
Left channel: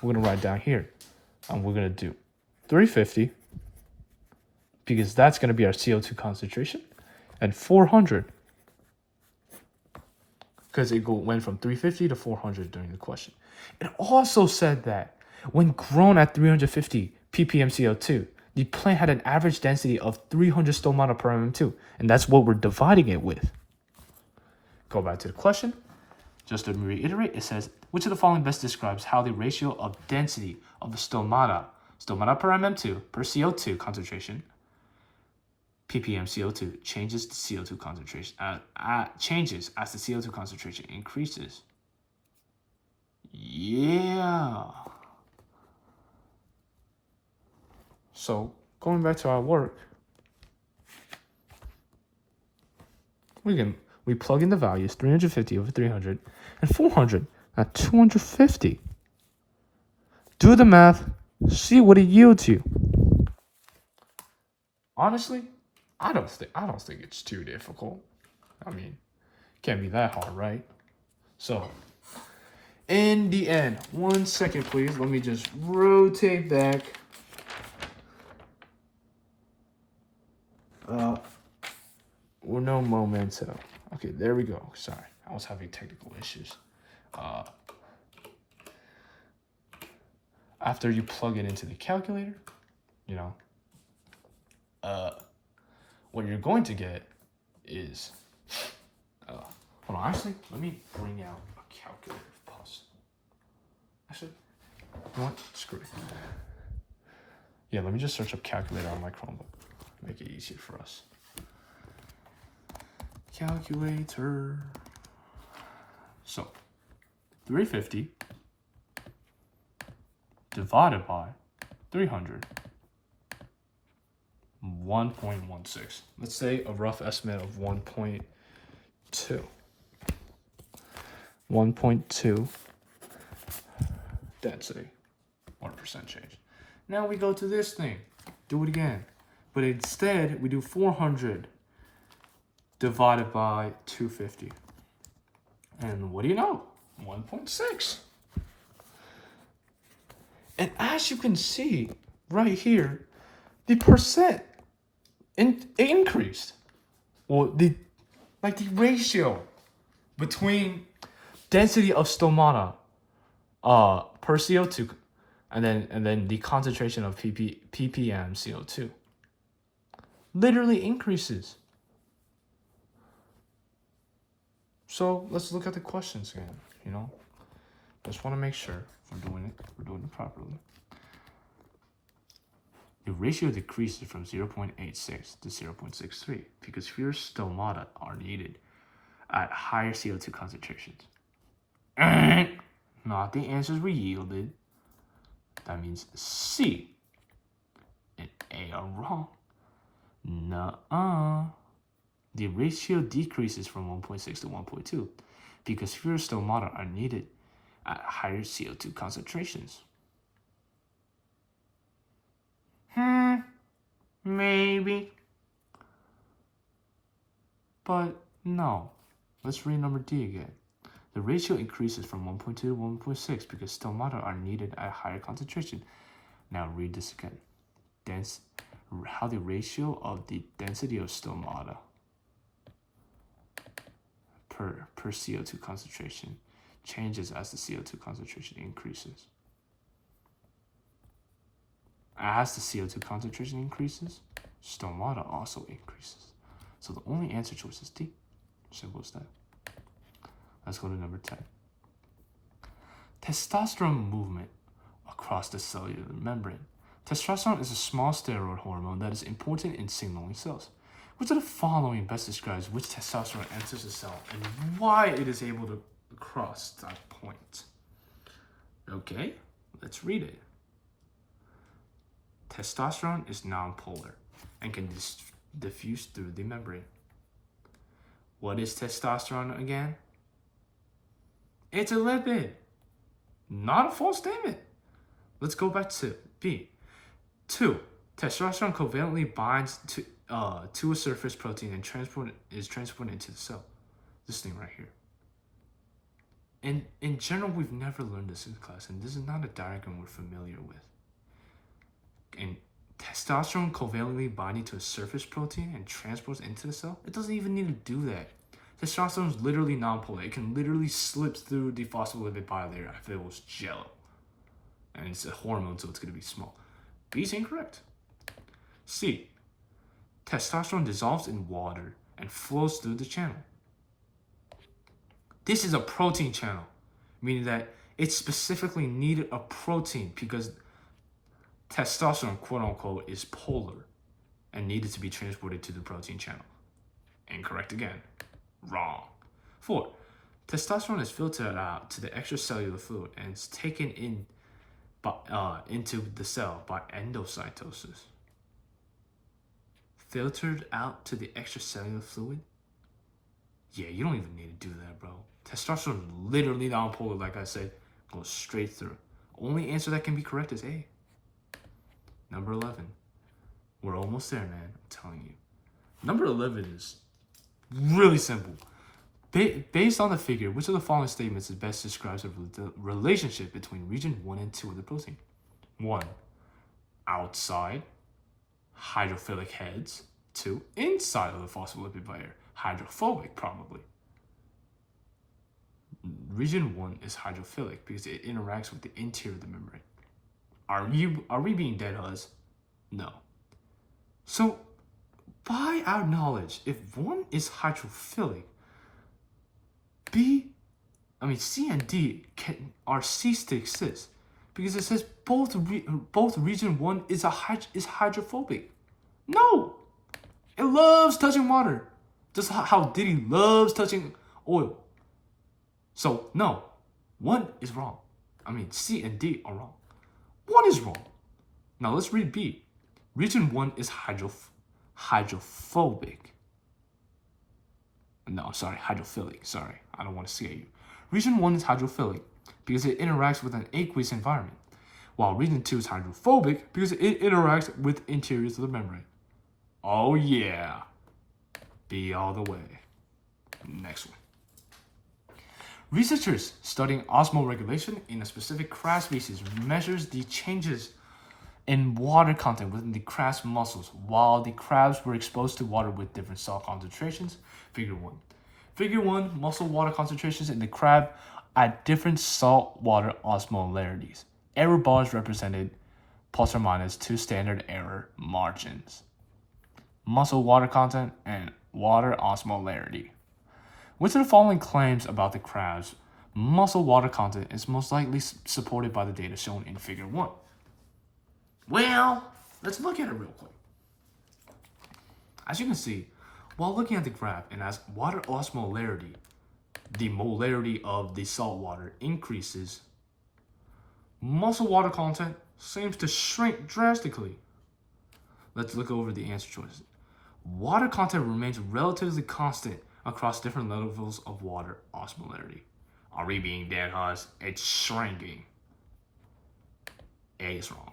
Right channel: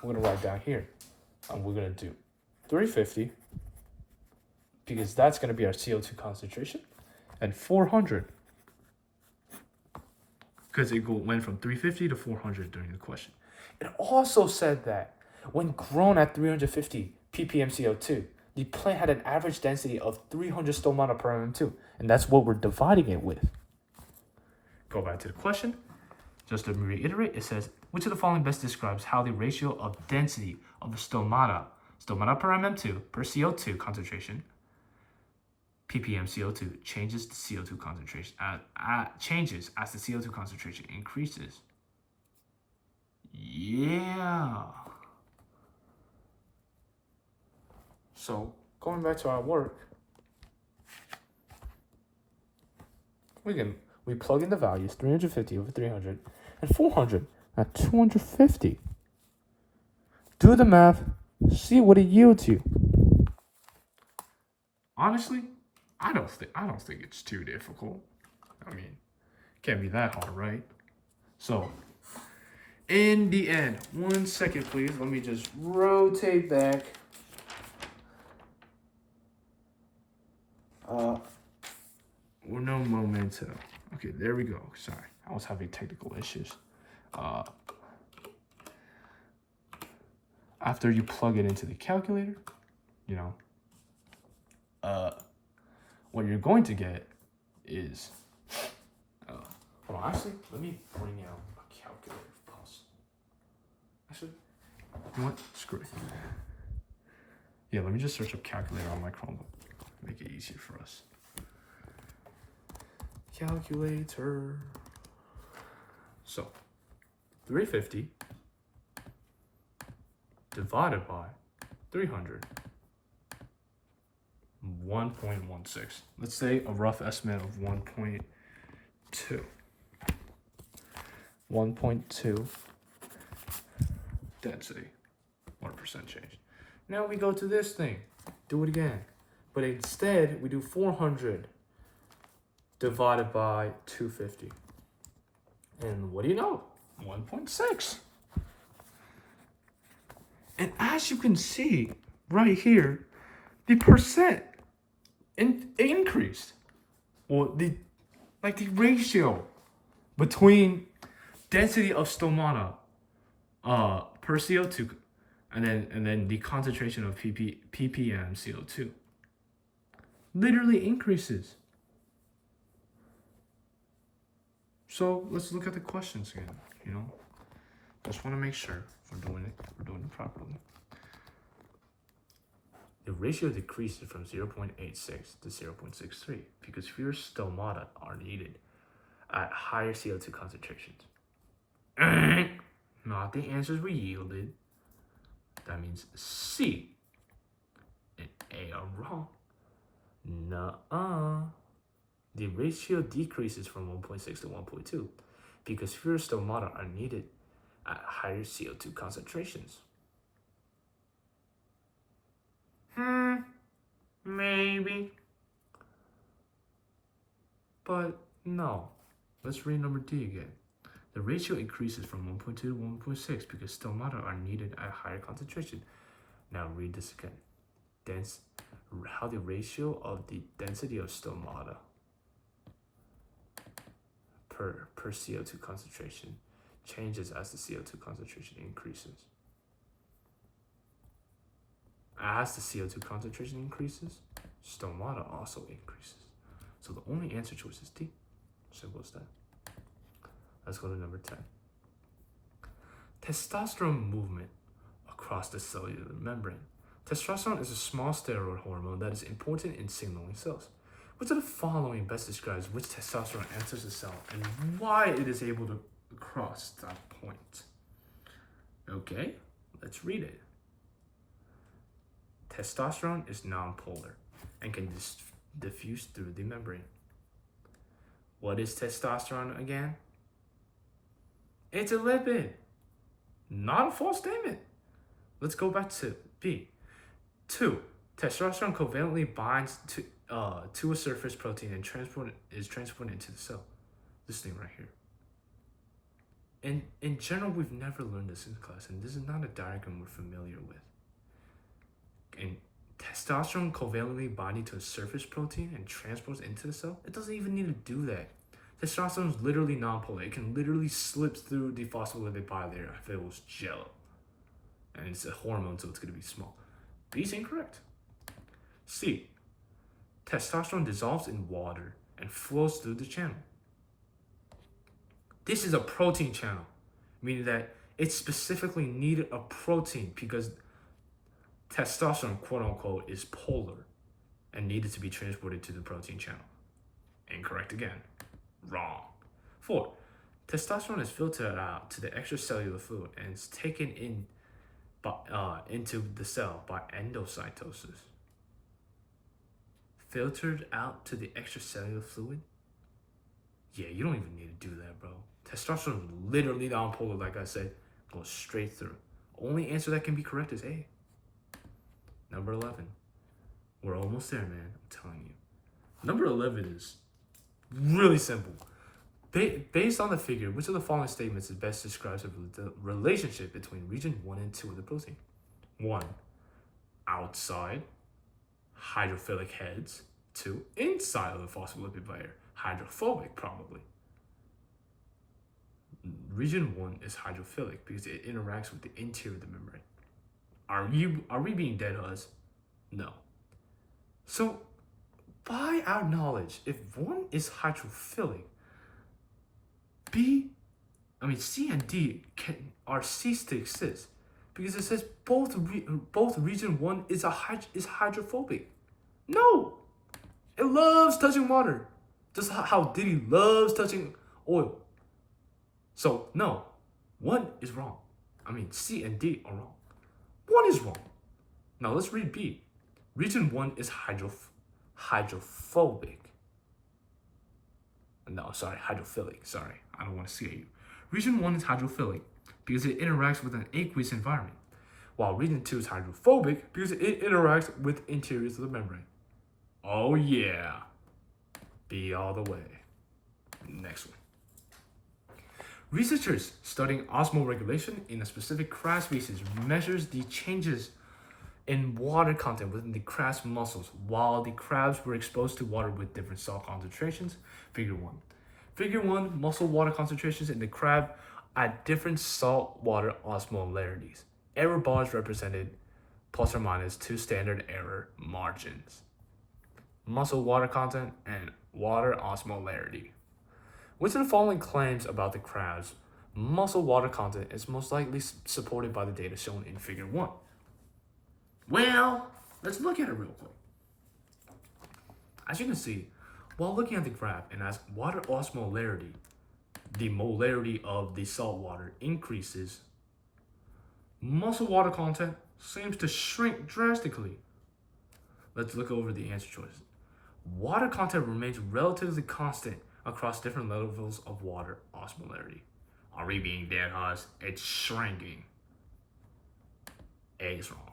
gonna write down here. And we're gonna do 350 because that's gonna be our CO2 concentration, and 400 because it went from 350 to 400 during the question. It also said that when grown at 350 ppm CO2, the plant had an average density of 300 stomata per mm2, and that's what we're dividing it with. Go back to the question. Just to reiterate, it says, which of the following best describes how the ratio of density of the stomata per mm2 per CO2 concentration, ppm CO2, changes the CO2 concentration, changes as the CO2 concentration increases? Yeah. So going back to our work, we plug in the values 350 over 300 and 400 at 250. Do the math, see what it yields you. Honestly, I don't think it's too difficult. I mean, can't be that hard, right? So, in the end, 1 second please, let me just rotate back. No momento. Okay, there we go. Sorry, I was having technical issues. After you plug it into the calculator, what you're going to get is, hold on, actually, let me bring out a calculator if possible. Actually, you know what? Screw it. Yeah, let me just search up calculator on my Chromebook. Make it easier for us. Calculator. So, 350 divided by 300, 1.16. Let's say a rough estimate of 1.2. 1.2 density, 1% change. Now we go to this thing, do it again. But instead, we do 400 divided by 250. And what do you know? 1.6. And as you can see right here, the percent increased. Well, the ratio between density of stomata per CO2 and then the concentration of ppm CO2 literally increases. So let's look at the questions again. Just want to make sure we're doing it properly. the ratio decreases from 0.86 to 0.63 because fewer stomata are needed at higher CO2 concentrations. Not the answers we yielded. That means C and A are wrong. Nuh-uh. The ratio decreases from 1.6 to 1.2 because fewer stomata are needed at higher CO2 concentrations. Maybe. But no. Let's read number D again. The ratio increases from 1.2 to 1.6 because stomata are needed at higher concentration. Now read this again. How the ratio of the density of stomata per CO2 concentration changes as the CO2 concentration increases. As the CO2 concentration increases, stomata also increases. So the only answer choice is D. Simple as that. Let's go to number 10. Testosterone movement across the cellular membrane. Testosterone is a small steroid hormone that is important in signaling cells. Which of the following best describes which testosterone enters the cell and why it is able to cross that point? Okay, let's read it. Testosterone is nonpolar and can diffuse through the membrane. What is testosterone again? It's a lipid. Not a false statement. Let's go back to B. 2. Testosterone covalently binds to a surface protein and is transported into the cell. This thing right here. And in general, we've never learned this in class, and this is not a diagram we're familiar with. And testosterone covalently binding to a surface protein and transports into the cell, it doesn't even need to do that. Testosterone is literally nonpolar. It can literally slip through the phospholipid bilayer if it was jello. And it's a hormone, so it's going to be small. B is incorrect. C. Testosterone dissolves in water and flows through the channel. This is a protein channel, meaning that it specifically needed a protein because testosterone, quote unquote, is polar and needed to be transported to the protein channel. Incorrect again. Wrong. 4. Testosterone is filtered out to the extracellular fluid and is taken into the cell by endocytosis. Filtered out to the extracellular fluid? Yeah, you don't even need to do that, bro. Testosterone is literally nonpolar, like I said, goes straight through. Only answer that can be correct is A. Number 11. We're almost there, man. I'm telling you. Number 11 is really simple. Based on the figure, which of the following statements is best describes the relationship between region 1 and 2 of the protein? 1. Outside hydrophilic heads. 2. Inside of the phospholipid layer. Hydrophobic, probably. Region 1 is hydrophilic because it interacts with the interior of the membrane. Are we being dead us? No. So, by our knowledge, if 1 is hydrophilic, C and D are ceased to exist because it says both region 1 is hydrophobic. No, it loves touching water, just how Diddy loves touching oil. So no, 1 is wrong. C and D are wrong. 1 is wrong. Now let's read B. Region 1 is hydrophobic. No, sorry, hydrophilic. Sorry, I don't want to scare you. Region 1 is hydrophilic because it interacts with an aqueous environment, while region 2 is hydrophobic because it interacts with interiors of the membrane. Oh yeah. B all the way. Next one. Researchers studying osmoregulation in a specific crab species measures the changes in water content within the crab's muscles while the crabs were exposed to water with different salt concentrations. Figure 1. Figure 1, muscle water concentrations in the crab at different salt water osmolarities. Error bars represented plus or minus 2 standard error margins. Muscle water content and water osmolarity. Which of the following claims about the crab's muscle water content is most likely supported by the data shown in figure 1? Well, Let's look at it real quick. As you can see, while looking at the graph, and as water osmolarity, the molarity of the salt water increases, muscle water content seems to shrink drastically. Let's look over the answer choices. Water content remains relatively constant across different levels of water osmolarity. Are we being dead, Haas? It's shrinking. A is wrong.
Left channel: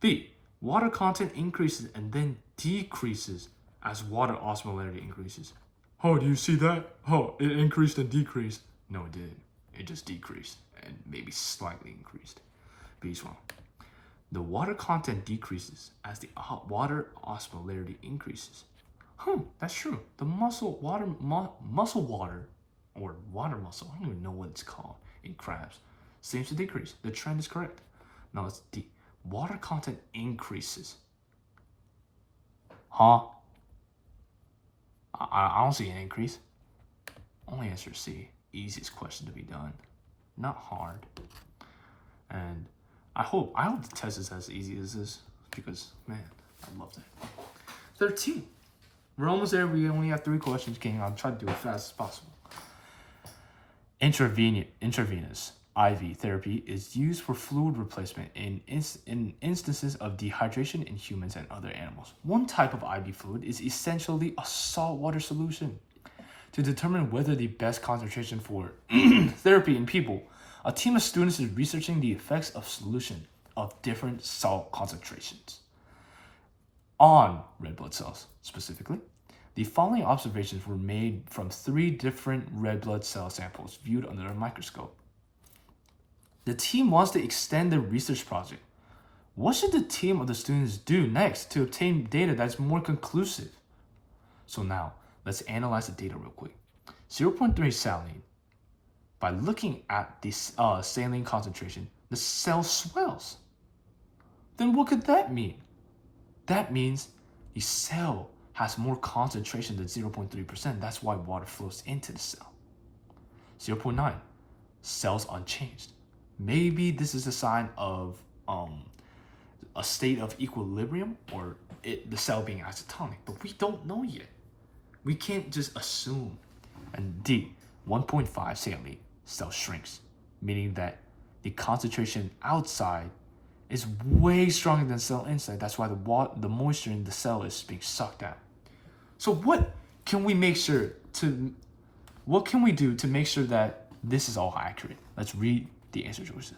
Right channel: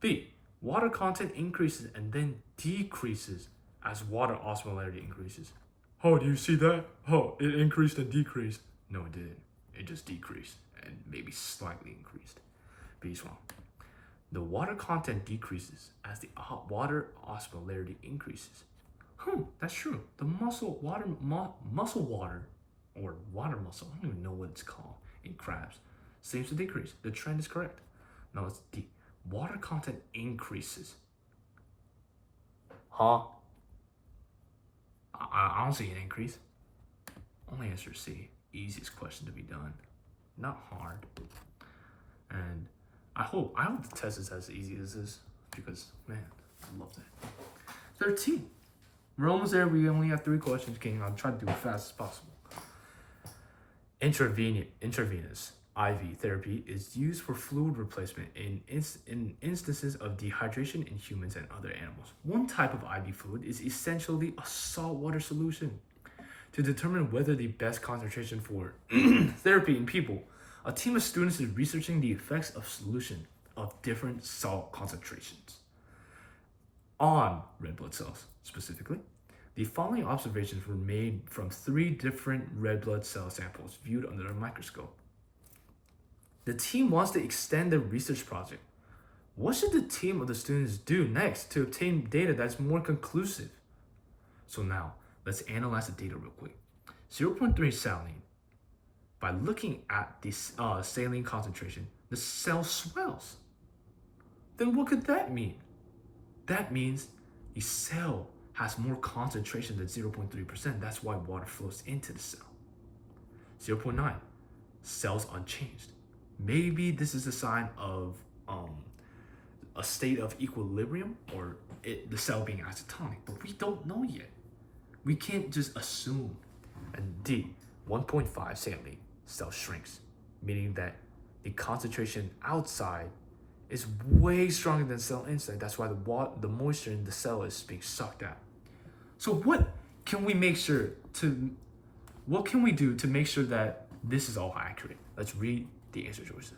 B, water content increases and then decreases as water osmolarity increases. Oh, do you see that? Oh, it increased and decreased. No, it didn't. It just decreased and maybe slightly increased. B is wrong. The water content decreases as the water osmolarity increases. That's true. The muscle water, or water muscle, I don't even know what it's called in crabs, seems to decrease. The trend is correct. No, it's D. Water content increases. Huh? I don't see an increase. Only answer C. Easiest question to be done. Not hard. And I hope the test is as easy as this because, man, I loved it. 13. We're almost there. We only have 3 questions, King. I'll try to do it fast as possible. Intravenous IV therapy is used for fluid replacement in instances of dehydration in humans and other animals. One type of IV fluid is essentially a saltwater solution. To determine whether the best concentration for therapy in people, a team of students is researching the effects of solution of different salt concentrations on red blood cells. Specifically, the following observations were made from 3 different red blood cell samples viewed under a microscope. The team wants to extend their research project. What should the team of the students do next to obtain data that's more conclusive? So now, let's analyze the data real quick. 0.3 saline. By looking at the saline concentration, the cell swells. Then what could that mean? That means the cell has more concentration than 0.3%. That's why water flows into the cell. 0.9, cells unchanged. Maybe this is a sign of a state of equilibrium or the cell being isotonic, but we don't know yet. We can't just assume. And D, 1.5 saline, cell shrinks, meaning that the concentration outside is way stronger than cell inside. That's why the moisture in the cell is being sucked out. So what can we do to make sure that this is all accurate? Let's read the answer choices.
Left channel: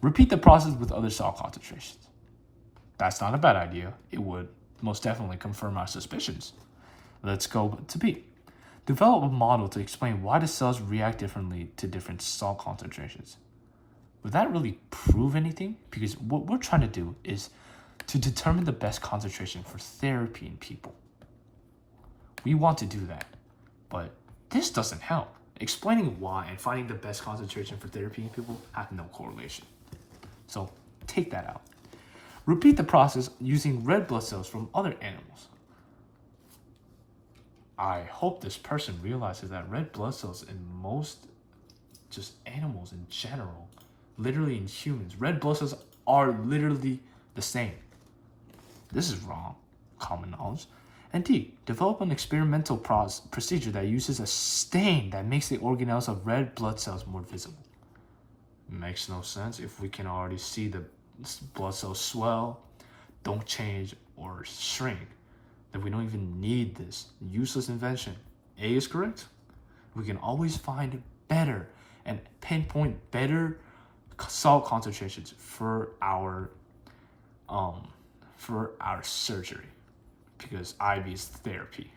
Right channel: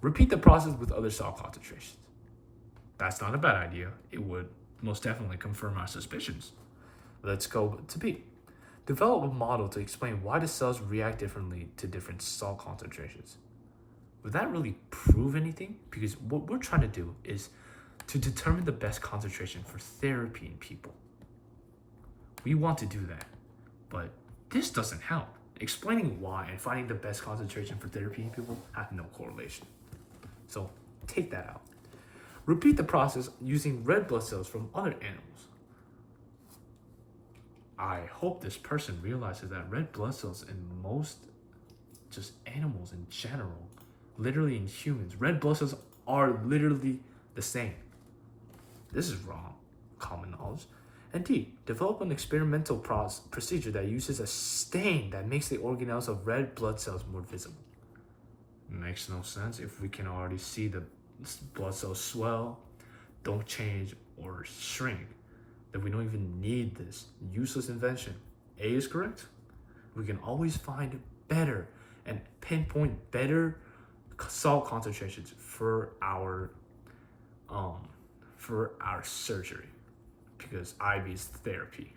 Repeat the process with other salt concentrations. That's not a bad idea. It would most definitely confirm our suspicions. Let's go to B. Develop a model to explain why the cells react differently to different salt concentrations. Would that really prove anything? Because what we're trying to do is to determine the best concentration for therapy in people. We want to do that, but this doesn't help. Explaining why and finding the best concentration for therapy in people have no correlation. So take that out. Repeat the process using red blood cells from other animals. I hope this person realizes that red blood cells in most just animals in general, literally in humans, red blood cells are literally the same. This is wrong, common knowledge. And D, develop an experimental procedure that uses a stain that makes the organelles of red blood cells more visible. Makes no sense if we can already see the blood cells swell, don't change, or shrink. Then we don't even need this useless invention. A is correct. We can always find better and pinpoint better salt concentrations for our surgery, because IV is therapy,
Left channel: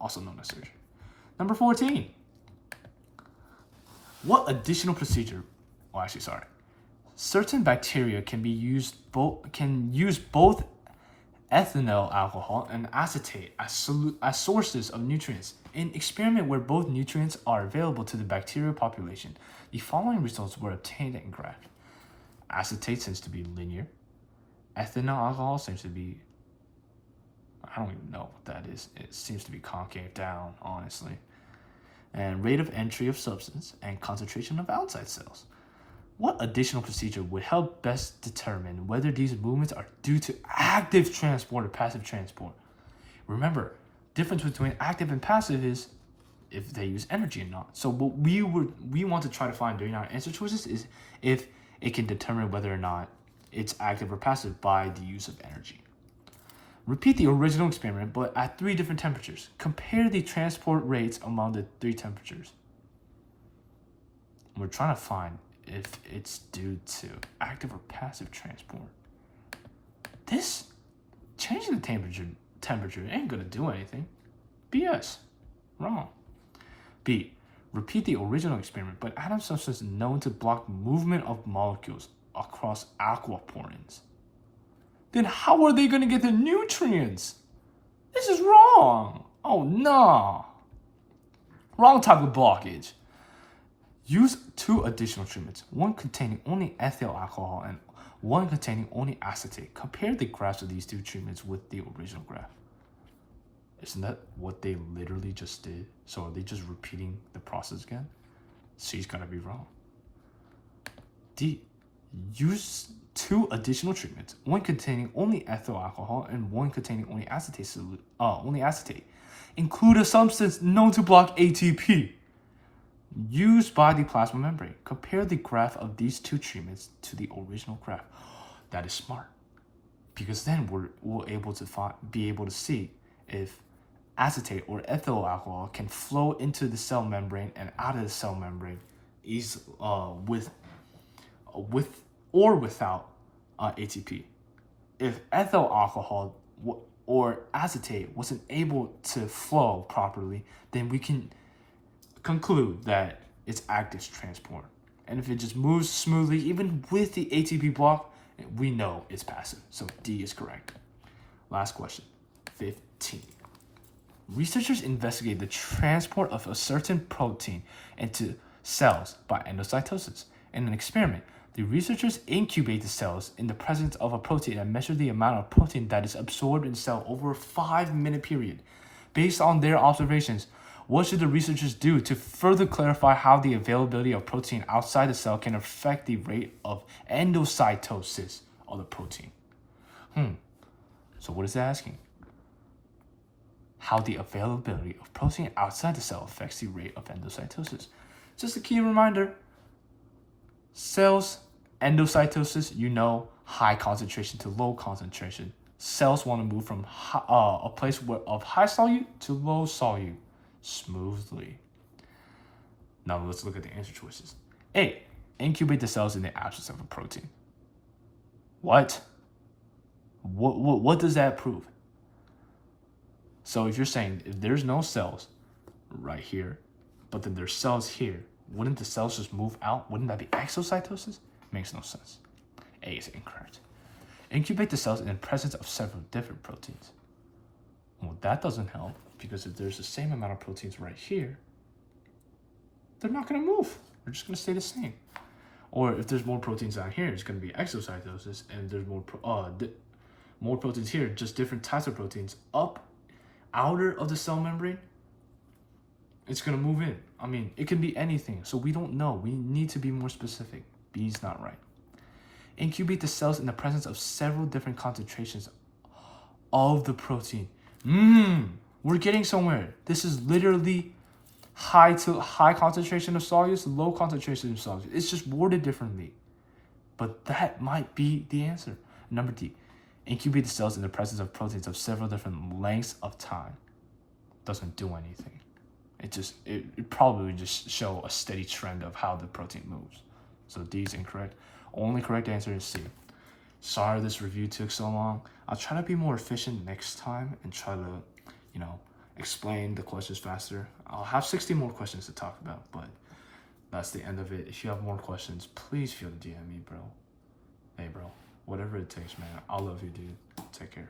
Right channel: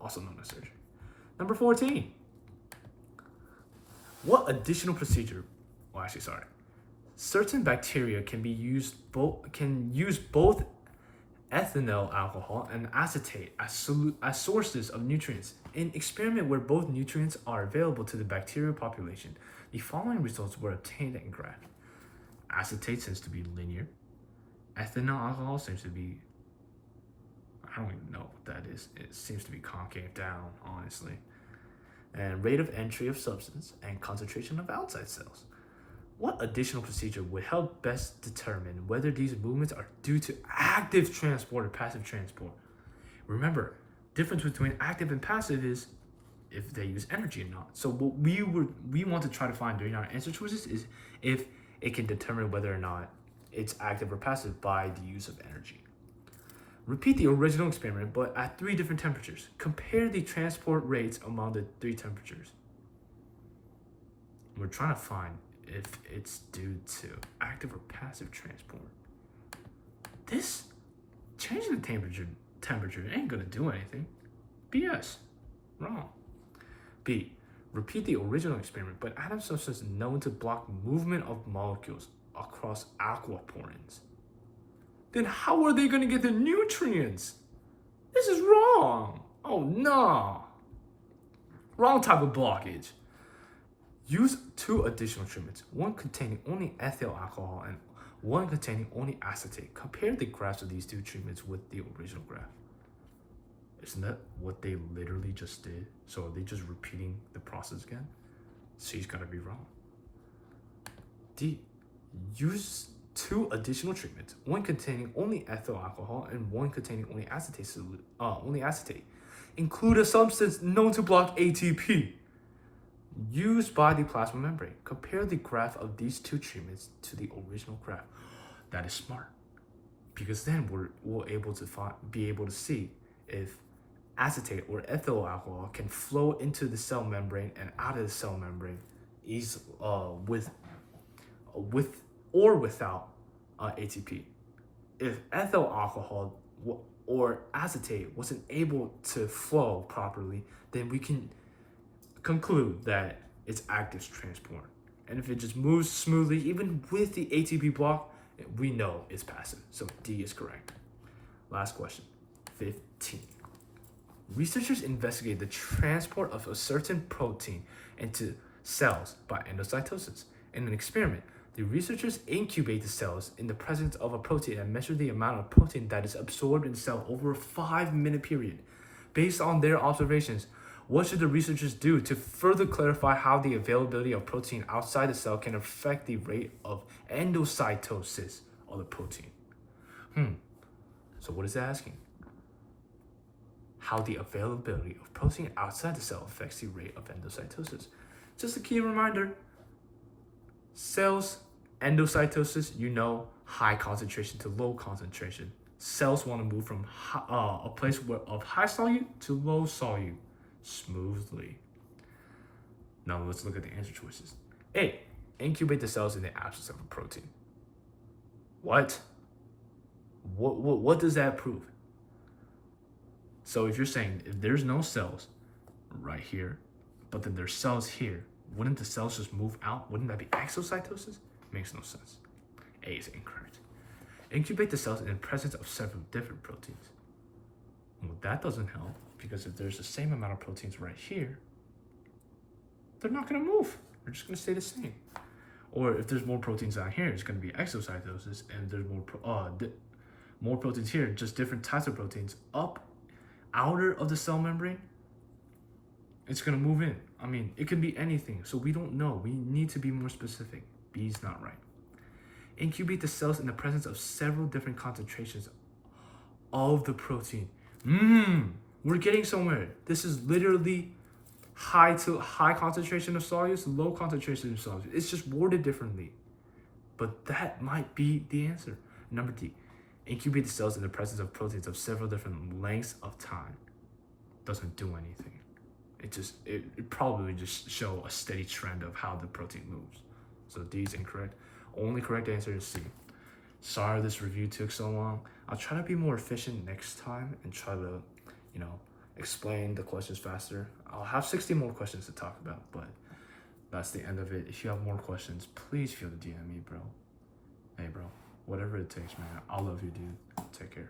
also known as surgery. Number 14. What additional procedure? Certain bacteria can use both ethanol alcohol and acetate as sources of nutrients. In experiment where both nutrients are available to the bacterial population, the following results were obtained and graphed. Acetate seems to be linear. Ethanol alcohol seems to be, I don't even know what that is. It seems to be concave down, honestly. And rate of entry of substance and concentration of outside cells. What additional procedure would help best determine whether these movements are due to active transport or passive transport? Remember, difference between active and passive is if they use energy or not. So what we want to try to find during our answer choices is if it can determine whether or not it's active or passive by the use of energy. Repeat the original experiment, but at 3 different temperatures. Compare the transport rates among the 3 temperatures. We're trying to find if it's due to active or passive transport. This changing the temperature ain't gonna do anything. BS. Wrong. B. Repeat the original experiment, but add a substance known to block movement of molecules across aquaporins. Then how are they gonna get the nutrients? This is wrong. Oh no. Wrong type of blockage. Use 2 additional treatments, one containing only ethyl alcohol and one containing only acetate. Compare the graphs of these 2 treatments with the original graph. Isn't that what they literally just did? So are they just repeating the process again? C's gotta be wrong. D. Use 2 additional treatments, one containing only ethyl alcohol and one containing only acetate. Include a substance known to block ATP used by the plasma membrane. Compare the graph of these 2 treatments to the original graph. That is smart, because then we'll be able to see if acetate or ethyl alcohol can flow into the cell membrane and out of the cell membrane is with or without ATP. If ethyl alcohol or acetate wasn't able to flow properly, then we can conclude that it's active transport. And if it just moves smoothly, even with the ATP block, we know it's passive. So D is correct. Last question, 15. Researchers investigate the transport of a certain protein into cells by endocytosis. In an experiment, the researchers incubate the cells in the presence of a protein and measure the amount of protein that is absorbed in the cell over a 5-minute period. Based on their observations, what should the researchers do to further clarify how the availability of protein outside the cell can affect the rate of endocytosis of the protein? So what is it asking? How the availability of protein outside the cell affects the rate of endocytosis. Just a key reminder, cells, endocytosis, high concentration to low concentration. Cells want to move from a place of high solute to low solute smoothly. Now let's look at the answer choices. A. Incubate the cells in the absence of a protein. What does that prove? So if you're saying if there's no cells right here, but then there's cells here, wouldn't the cells just move out? Wouldn't that be exocytosis? Makes no sense. A is incorrect. Incubate the cells in the presence of several different proteins. Well, that doesn't help, because if there's the same amount of proteins right here, they're not going to move. They're just going to stay the same. Or if there's more proteins down here, it's going to be exocytosis, and if there's more proteins here, just different types of proteins outer of the cell membrane, it's going to move in. I mean, it can be anything, so we don't know. We need to be more specific. B is not right. Incubate the cells in the presence of several different concentrations of the protein. We're getting somewhere. This is literally high concentration of solutes, low concentration of solutes. It's just worded differently. But that might be the answer. Number D. Incubate the cells in the presence of proteins of several different lengths of time. Doesn't do anything. It probably would just show a steady trend of how the protein moves. So D is incorrect. Only correct answer is C. Sorry this review took so long. I'll try to be more efficient next time and try to, explain the questions faster. I'll have 60 more questions to talk about, but that's the end of it. If you have more questions, please feel to DM me, bro. Hey, bro. Whatever it takes, man. I love you, dude. Take care.